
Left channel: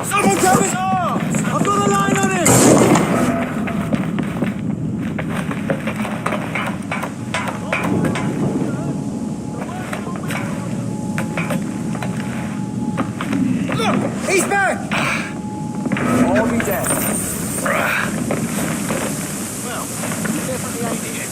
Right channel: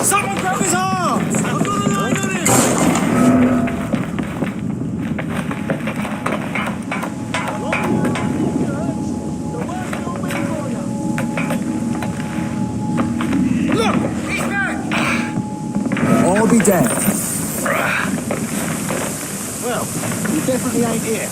Someone grab his arms! I've got a line on him! Look! He's back! He'll be dead. Well, this is the idea.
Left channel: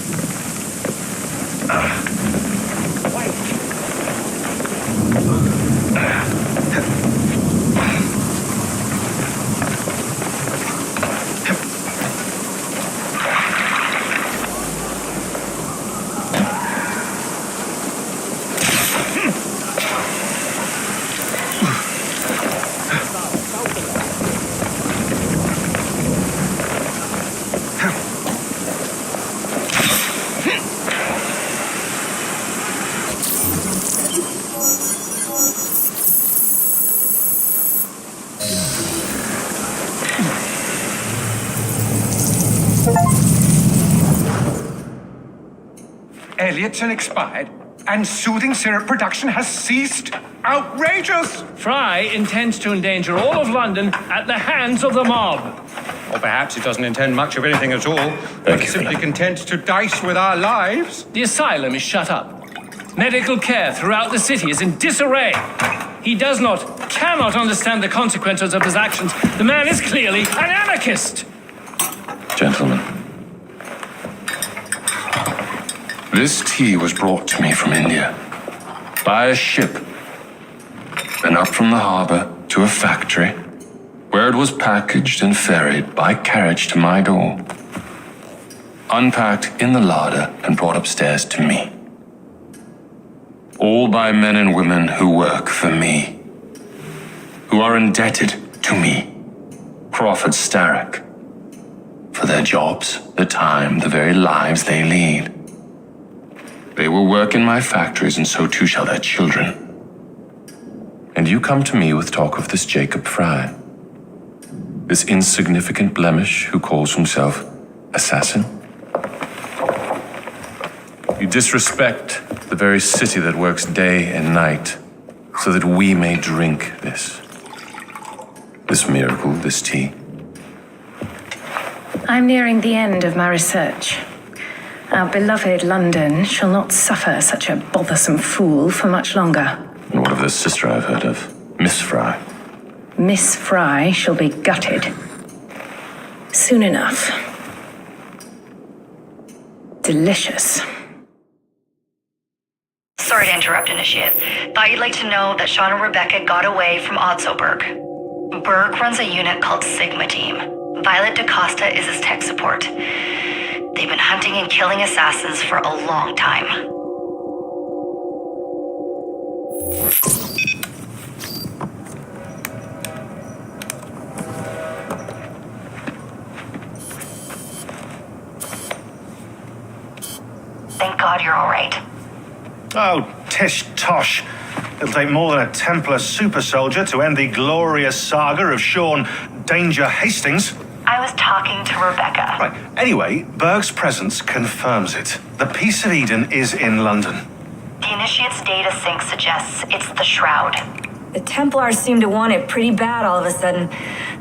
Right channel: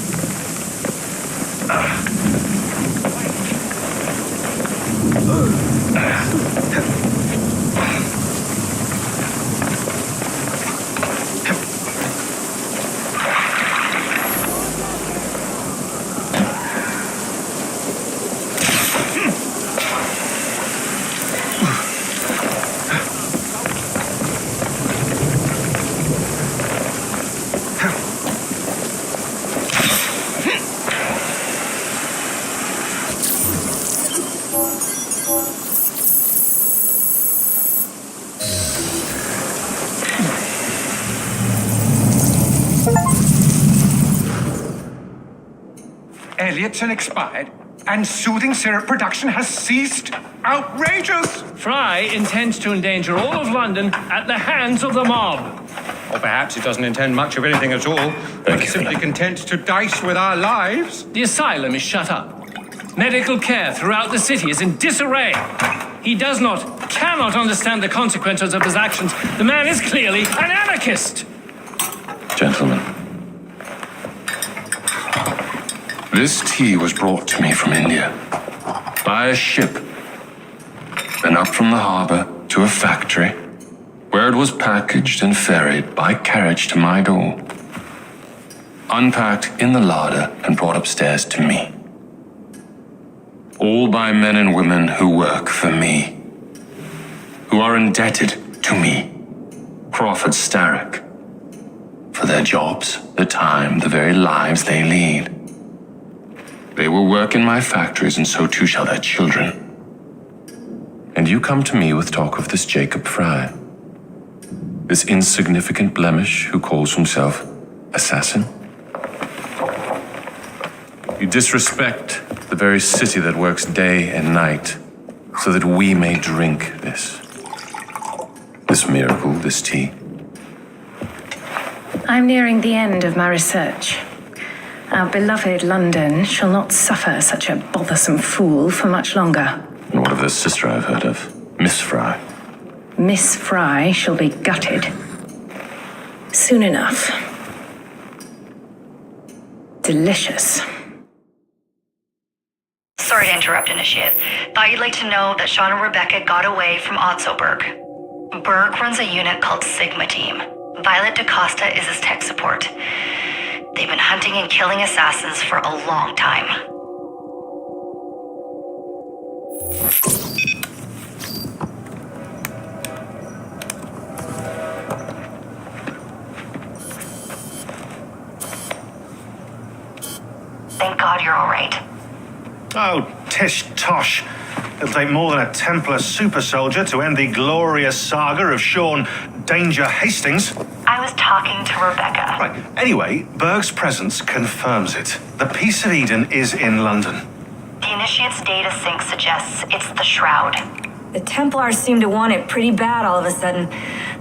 Elliotson expired, and soothing syrup production has ceased. Outrageous! Frye intends to endanger all of London at the hands of the mob. Or perhaps he doesn't intend much of anything at all. He's simply content to dice with our lives. The asylum is shut up. Medical care throughout the city is in disarray. He cannot understand the consequences of his actions. The man is clearly an anarchist. Gentlemen, this tea was brought to me from India by a ship, then up from the harbor to a factory, where it was packaged and ferried by carriage to my door, unpacked in the larder and brought upstairs to me. All by men and women who work for me, who are indebted to me, Crawford Starrick, for their jobs, the time, the very lives they lead. They will work in my factories, and so too shall their children. And you come to me with talk of this Jacob Frye, this insignificant blemish who calls himself assassin? You disrespect the very city that works day and night so that we may drink this. This miracle, this tea. I'm nearing the end of my research. Our beloved London shall not suffer such a bothersome fool for much longer. And what of this sister I've heard of? Miss Frye. Miss Frye shall be gutted. Soon enough. Delicious. Sorry to interrupt, Initiate. Thought you'd like to know that Sean and Rebecca got away from Otzoberg. Berg runs a unit called Sigma Team. Violet DaCosta is his tech support. They've been hunting and killing assassins for a long time. Thank God you're all right. Oh, tish tosh. It'll take more than a Templar super soldier to end the glorious saga of Sean Danger Hastings. I was talking to Rebecca. Right. Anyway, Berg's presence confirms it. The Peace of Eden is in London. The Initiate's data sync suggests it's the Shroud. The Templars seem to want it pretty bad all of a sudden.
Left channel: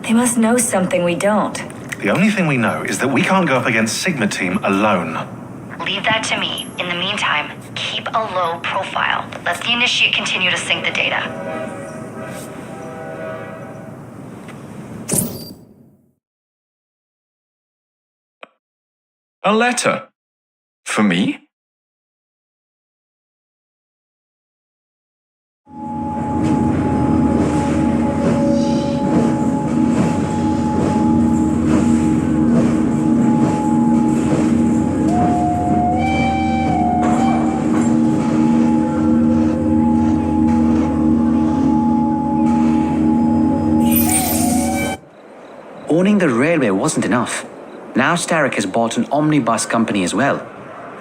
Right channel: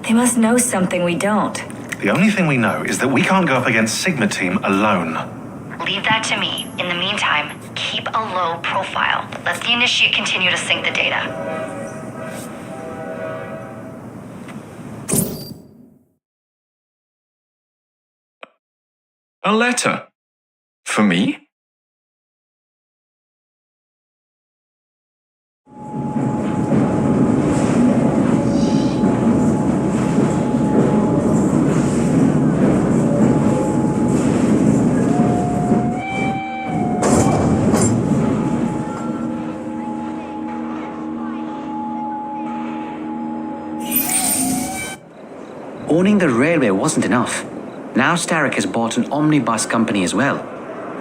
They must know something we don't. The only thing we know is that we can't go up against Sigma Team alone. Leave that to me. In the meantime, keep a low profile. Let the Initiate continue to sync the data. A letter? For me? Owning the railway wasn't enough. Now Starrick has bought an omnibus company as well.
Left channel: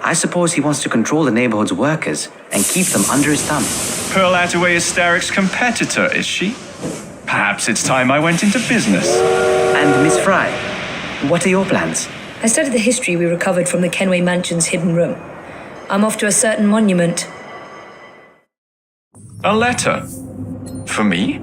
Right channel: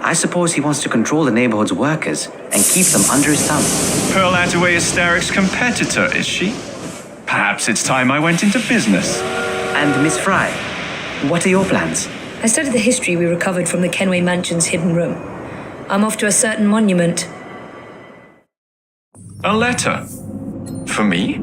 I suppose he wants to control the neighborhood's workers and keep them under his thumb. Pearl Attaway is Starrick's competitor, is she? Perhaps it's time I went into business. And Miss Frye, what are your plans? I studied the history we recovered from the Kenway Mansion's hidden room. I'm off to a certain monument. A letter? For me?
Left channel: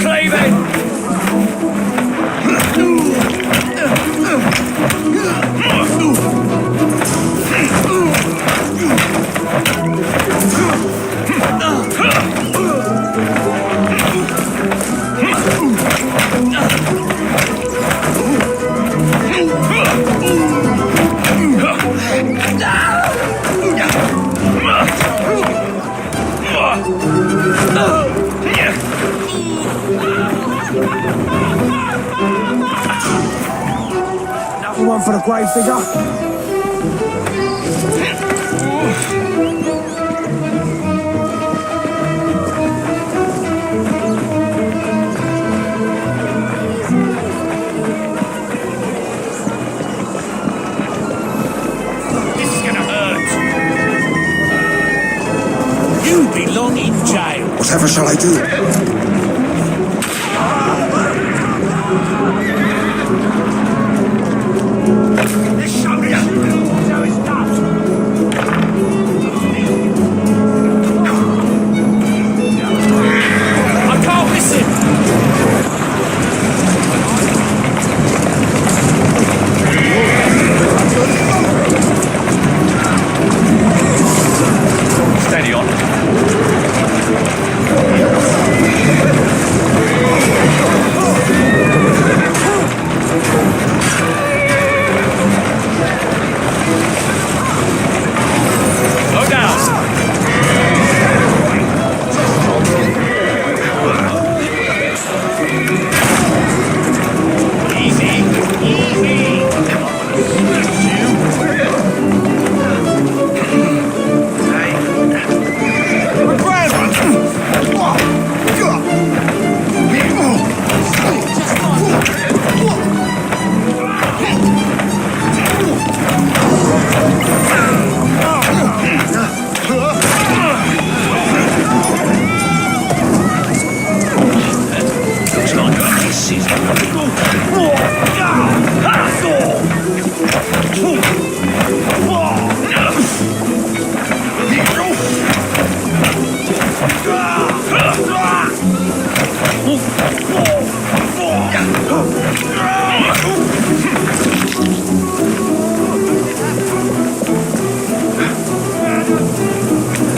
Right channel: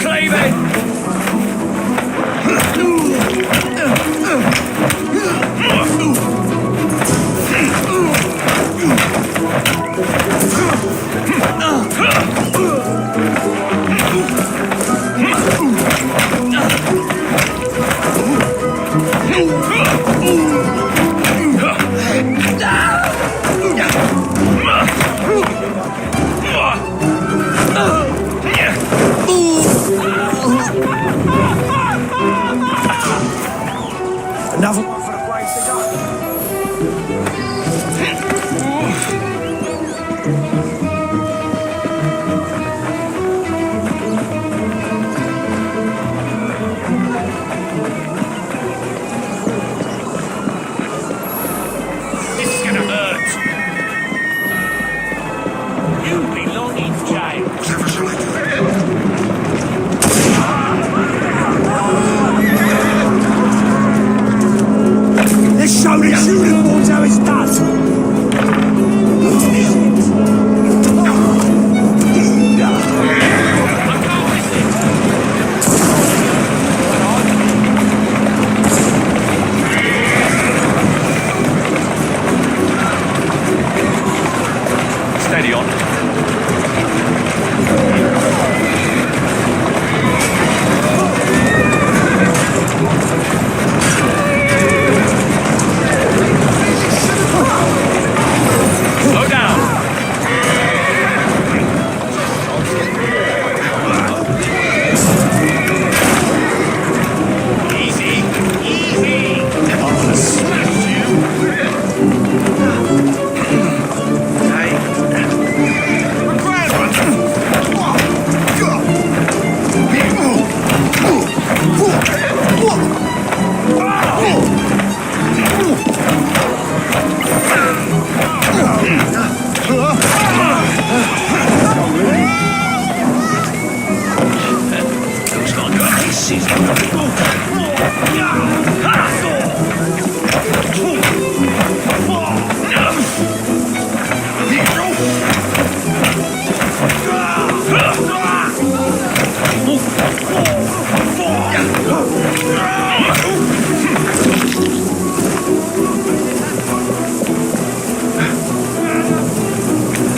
Start cleaving! Another one for the grave digger. This is gonna hurt. You belong in jail. Whatever shall I do? Let's show this. I can't miss it. Steady on. Slow down. Easy, easy. Smash you. Hey. A grand one. Looks like a missus.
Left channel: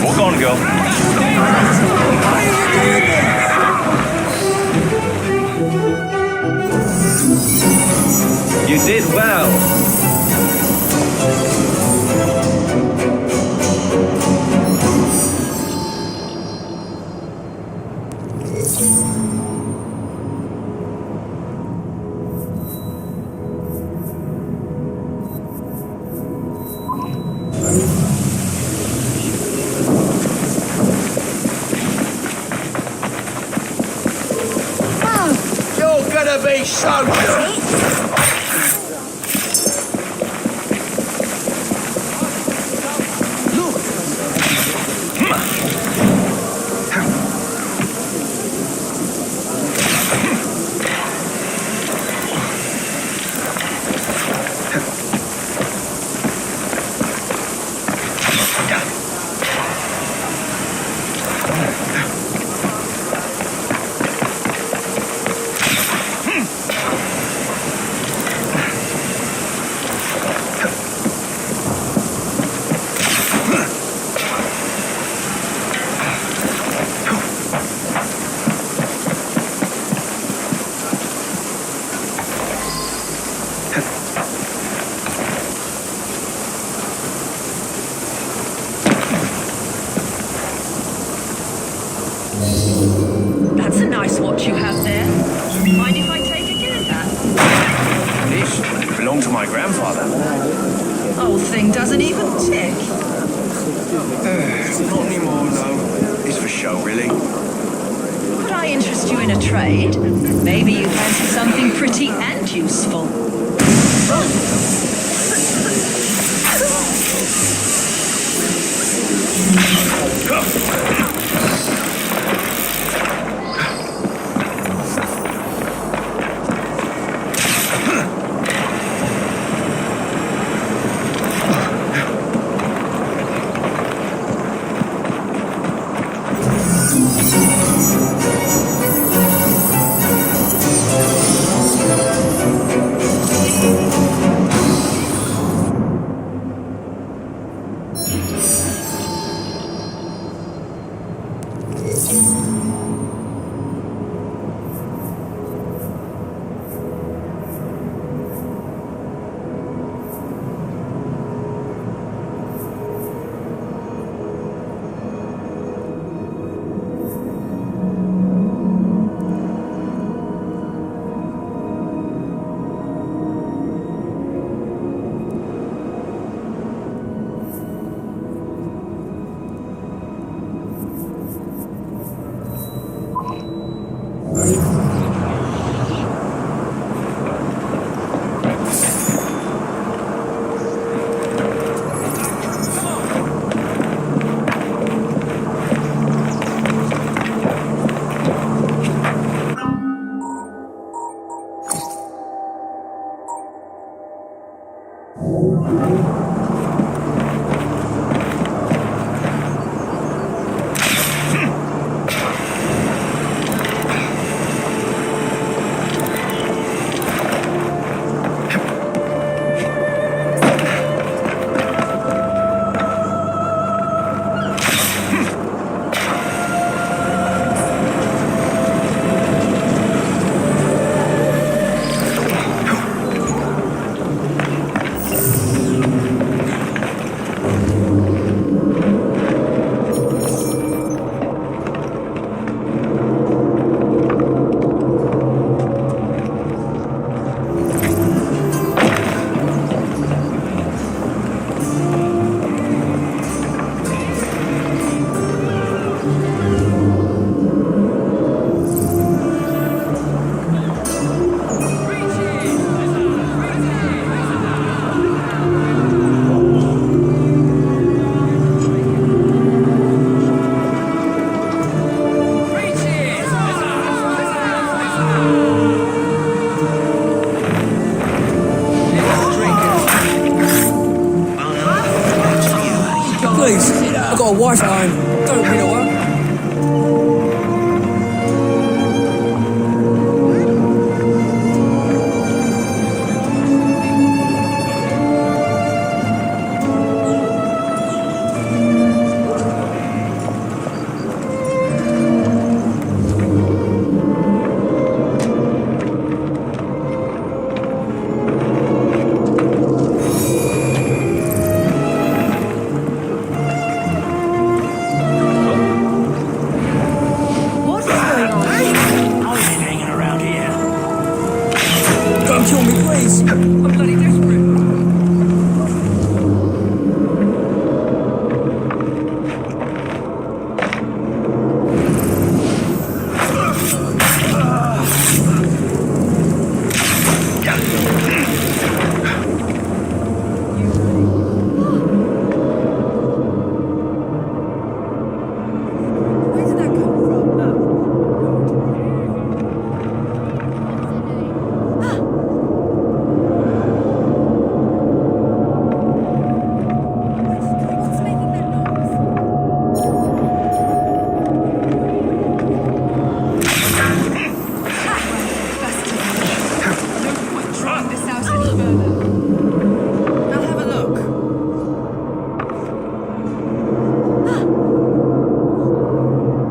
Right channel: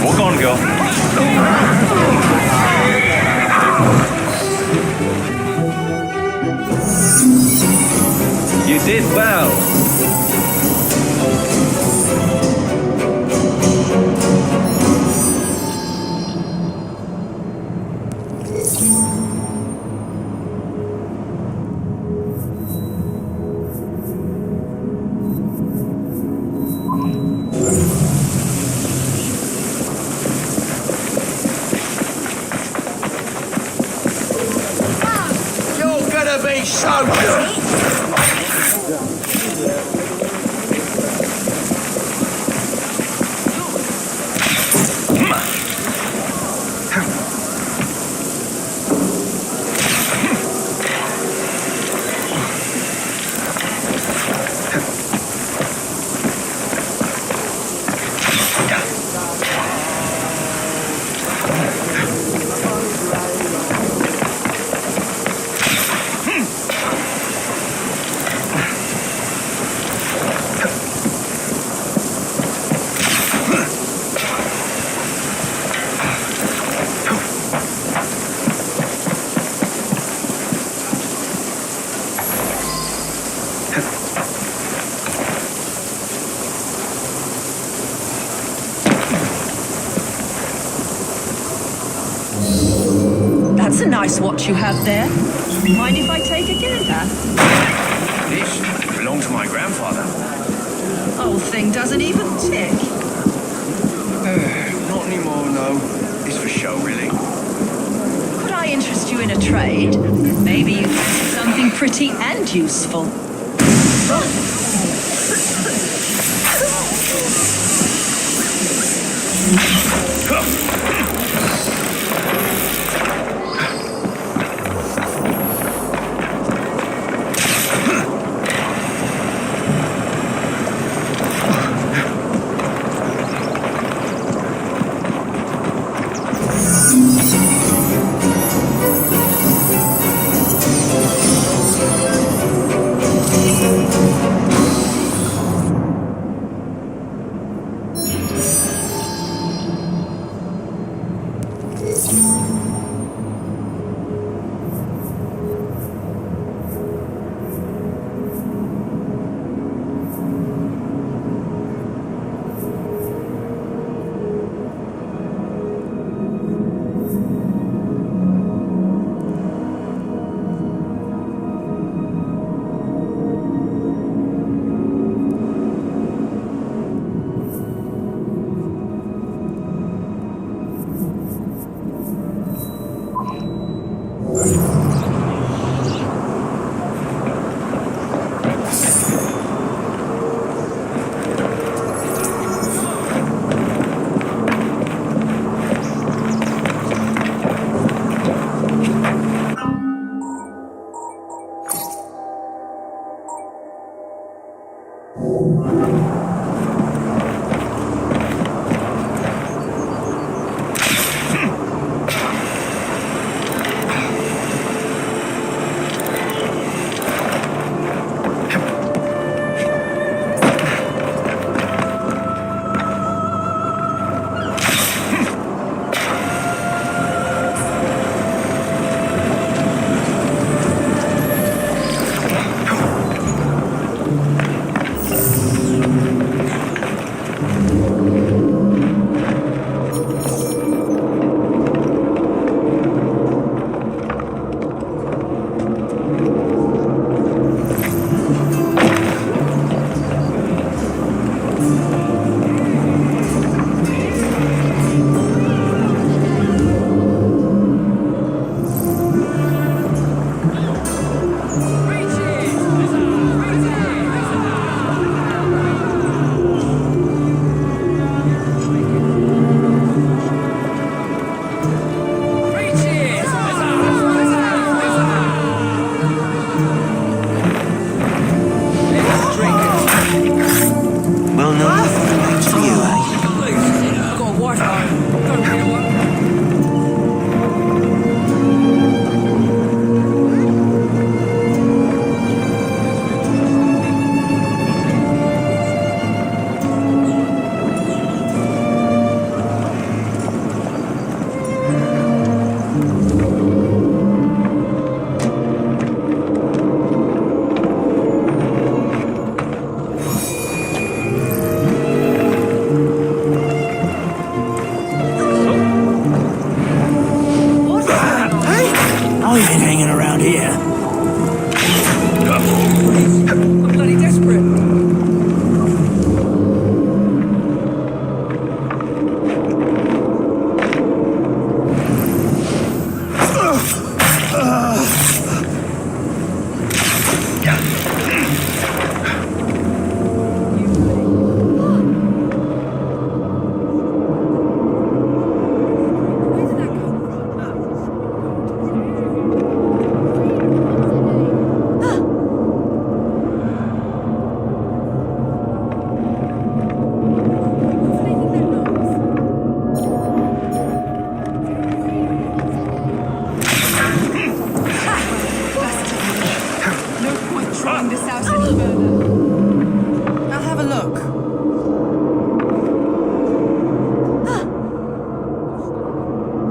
Walk on, girl. You did well. You're gonna be so good. That's a nice watch you have there. Mind if I take a gander? This belonged to my grandfather. Old thing doesn't even tick. Not anymore, no. It's for show, really. Could I interest you in a trade? Maybe you fancy something pretty and useful.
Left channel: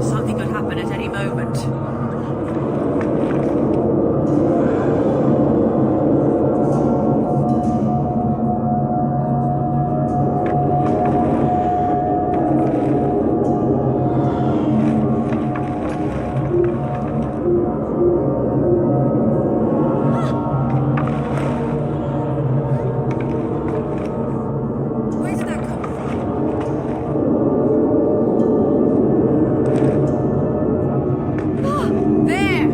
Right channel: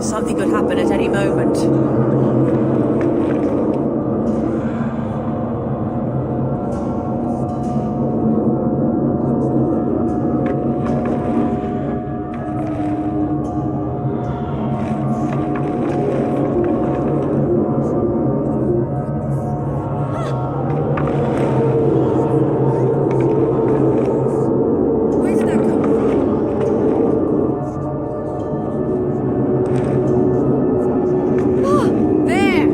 Something could happen at any moment. There!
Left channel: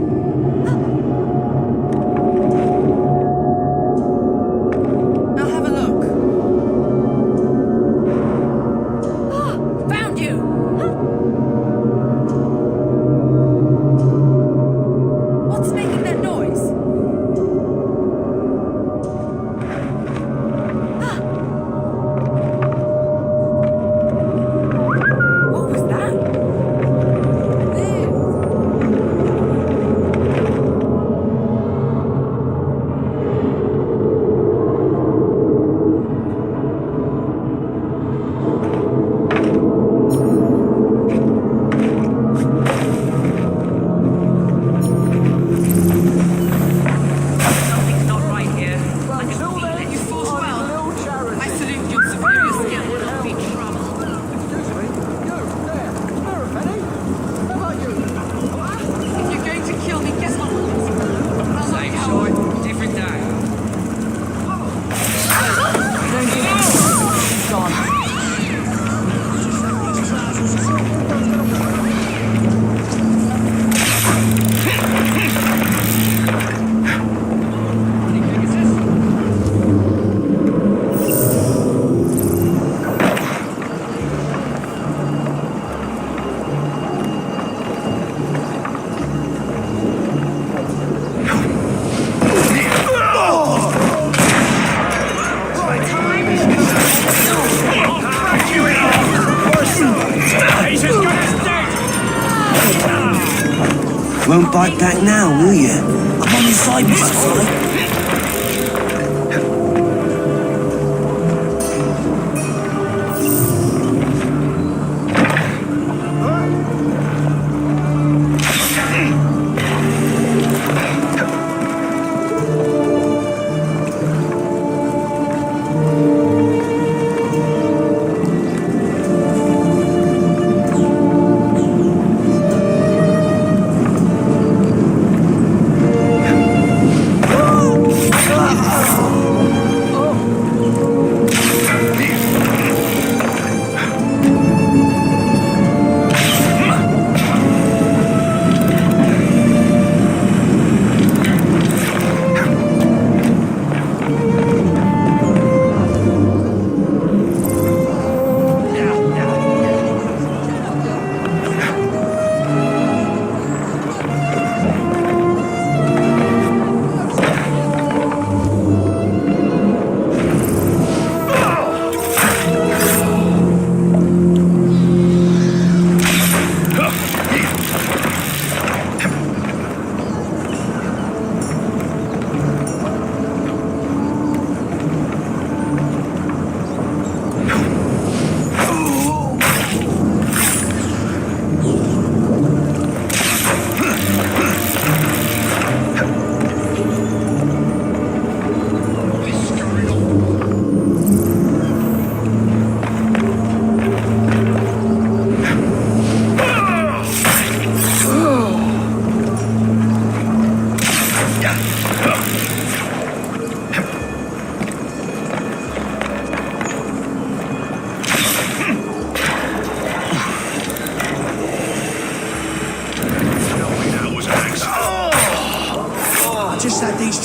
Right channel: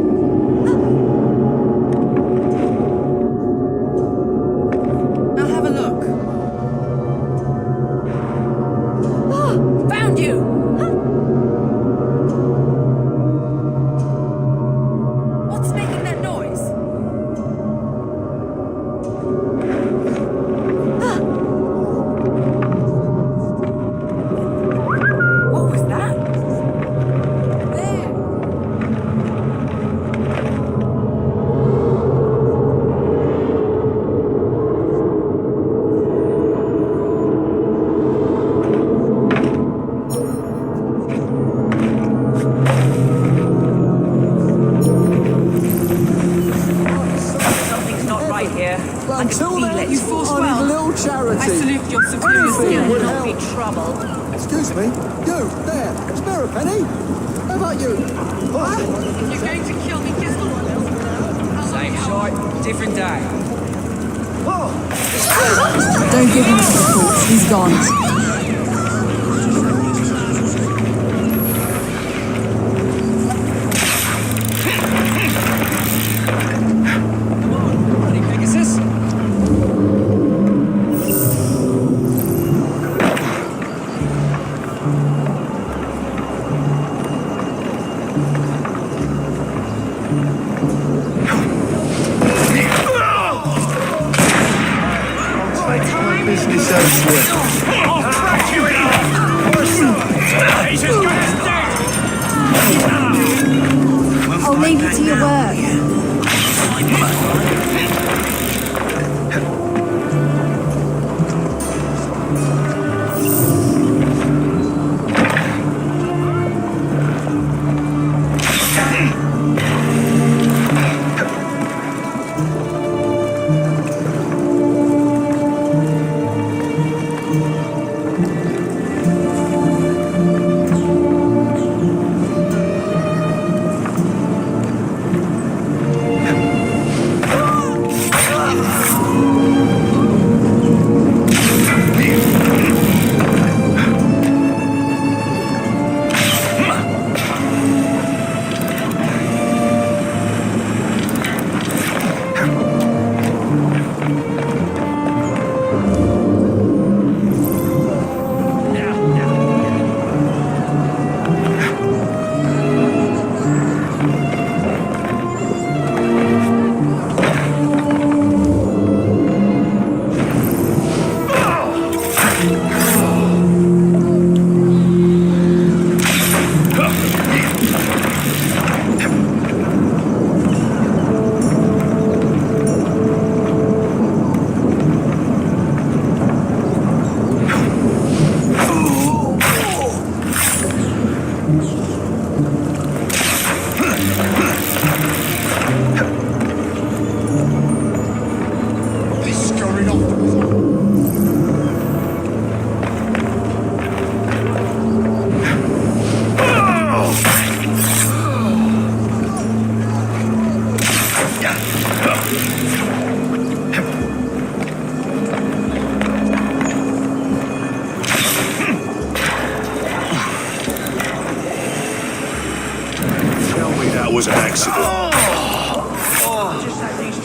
Sorry, different day. Won't bite back now, will you? I'm on your side,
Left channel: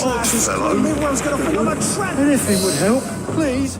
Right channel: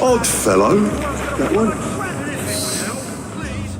Odd fellow, that one. Anything would help, please.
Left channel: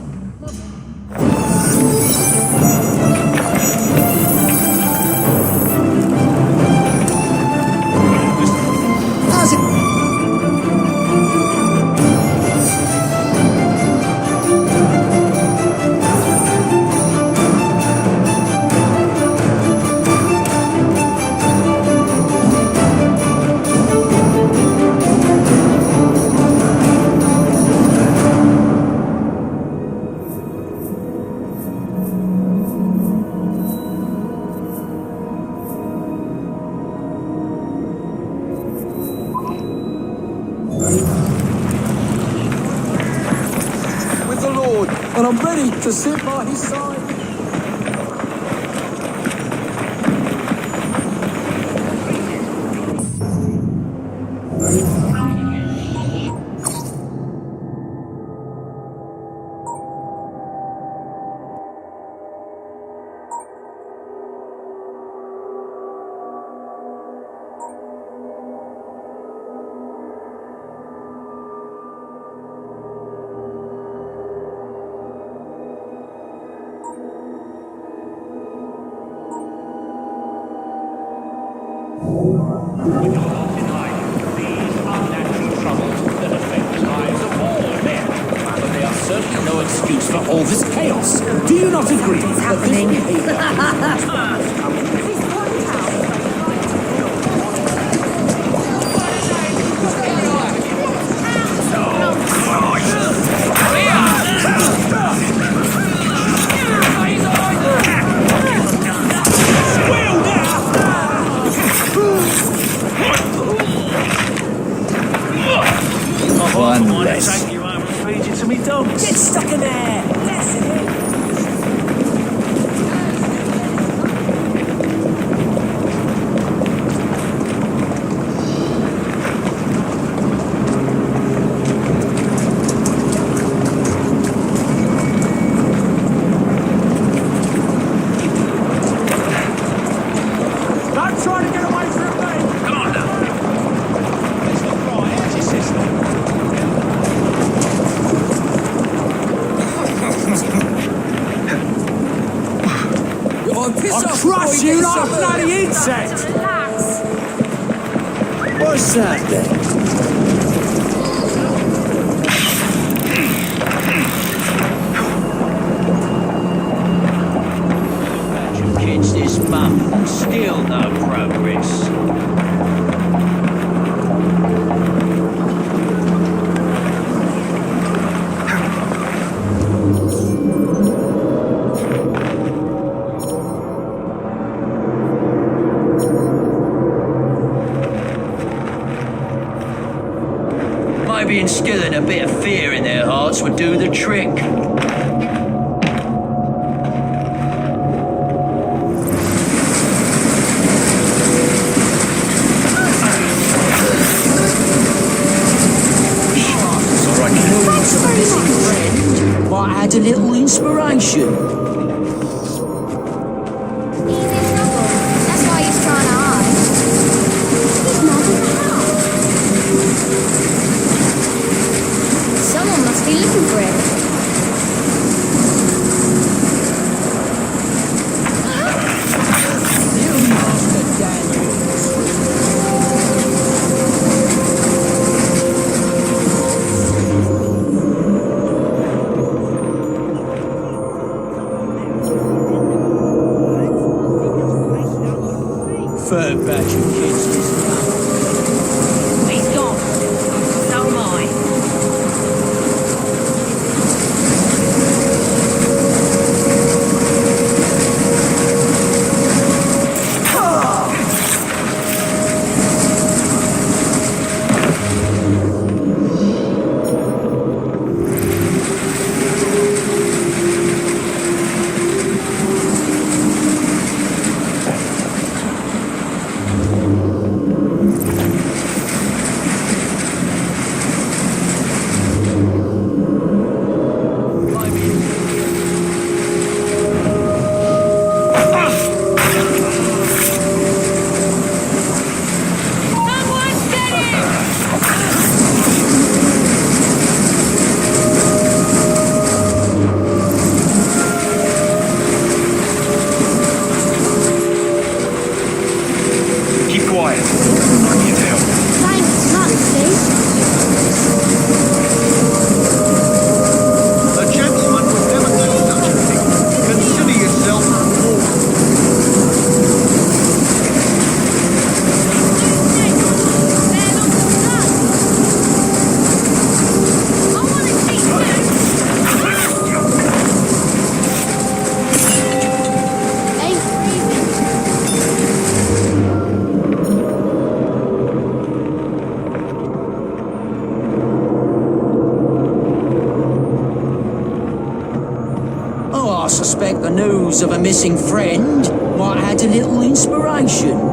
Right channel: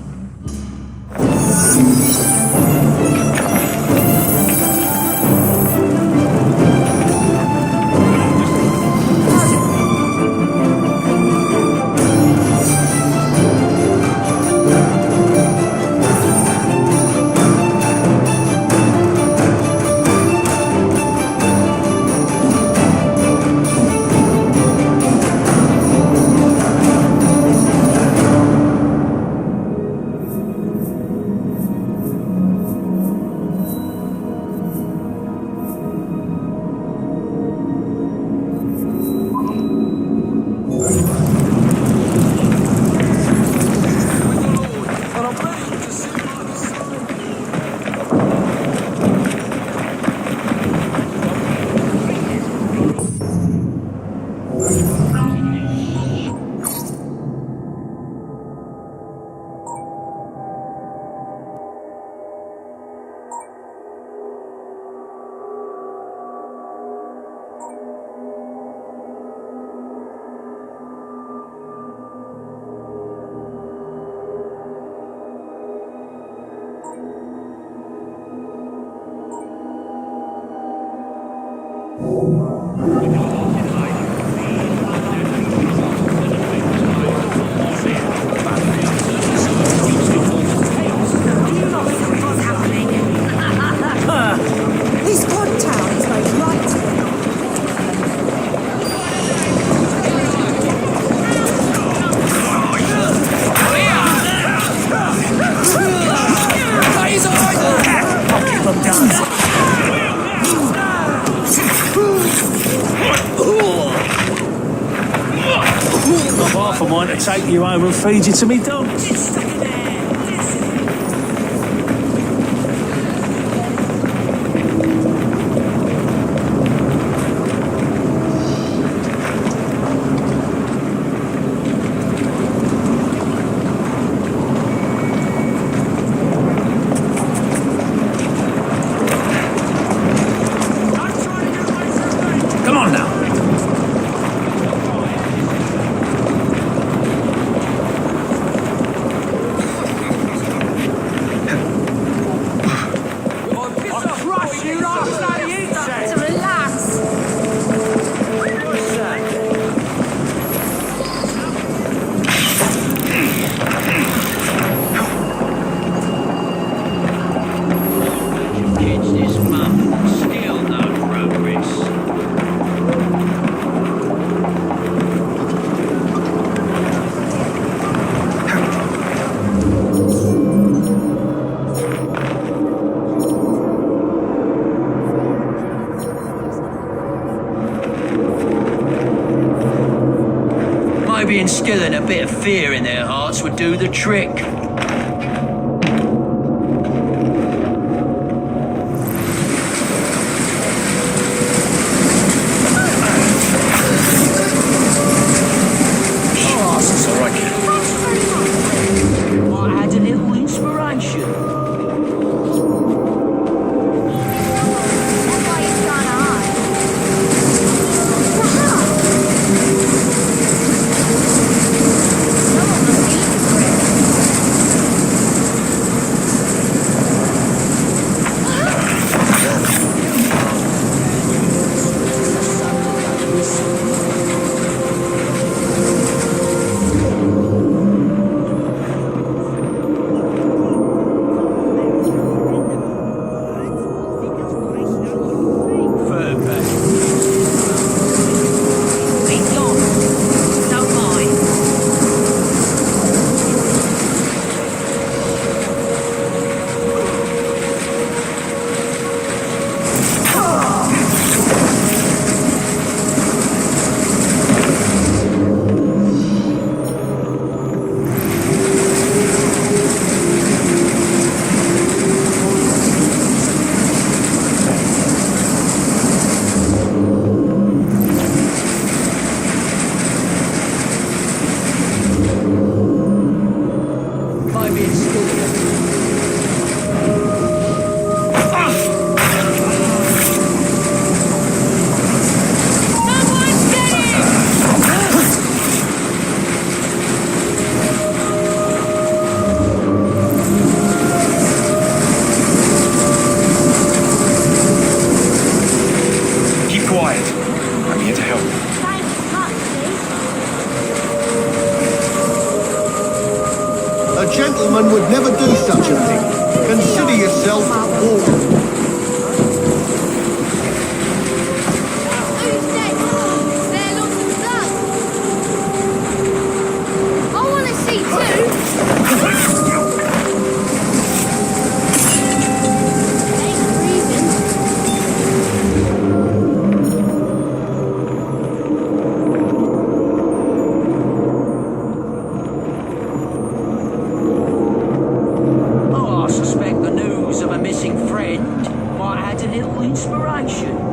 With the Lord, and I'm ready to sit by his side. When you're lost in life, these are natural troubles that affect the lives of all men. They are certainly no excuse for all this chaos. Do you not see what's happening? This contact is My wife I might take you home and feed you to me dogs. Get stuck in there. That's it. face. Maybe instilling a bit of fear in their hearts would do the trick. It's all right, kid. Might add a little inspiration. He's gone. So am I. Keep quiet. I'm here to help. A gentleman would never do such a thing. Consider yourself warned. Oh, I suspect the news of a missing friend might add a little inspiration.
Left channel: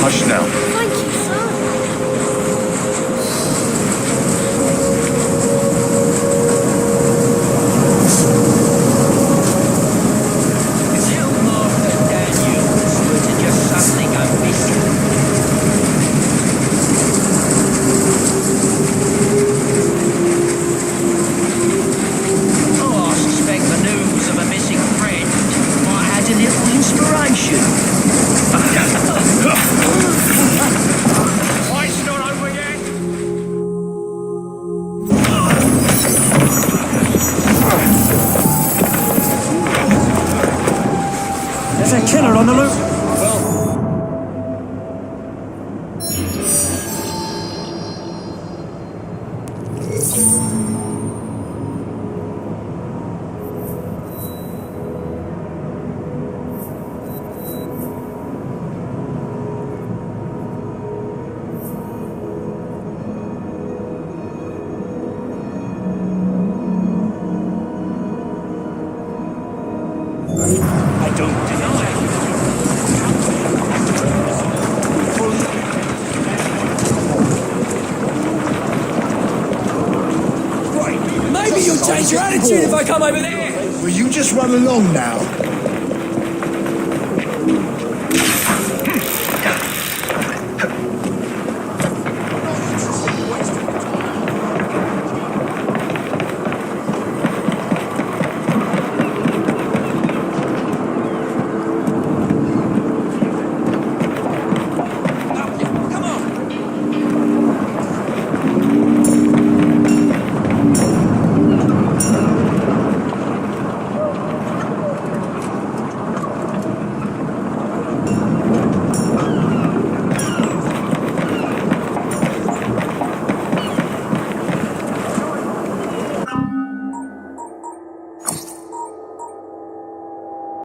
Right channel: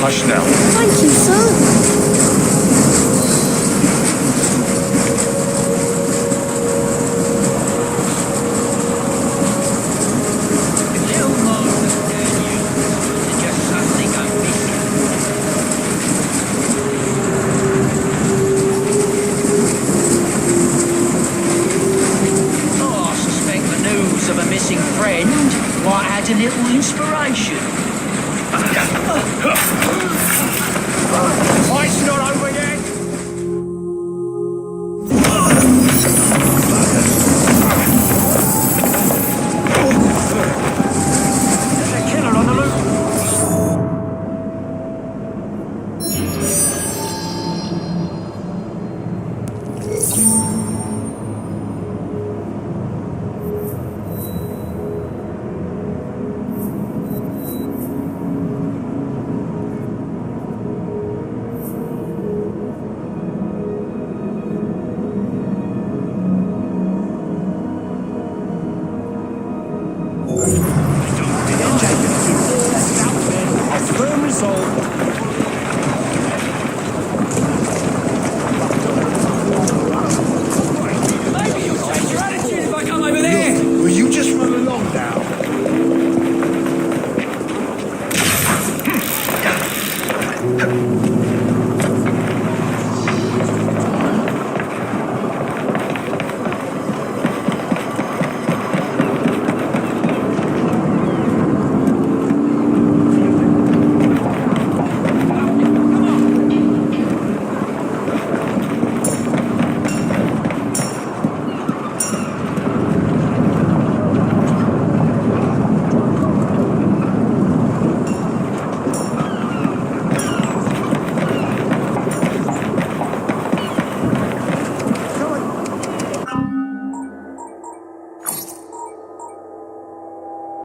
Hush now. Thank you, sir. If little Master Daniels were to just suddenly go missing, oh, I suspect the news of a missing friend might add a little inspiration.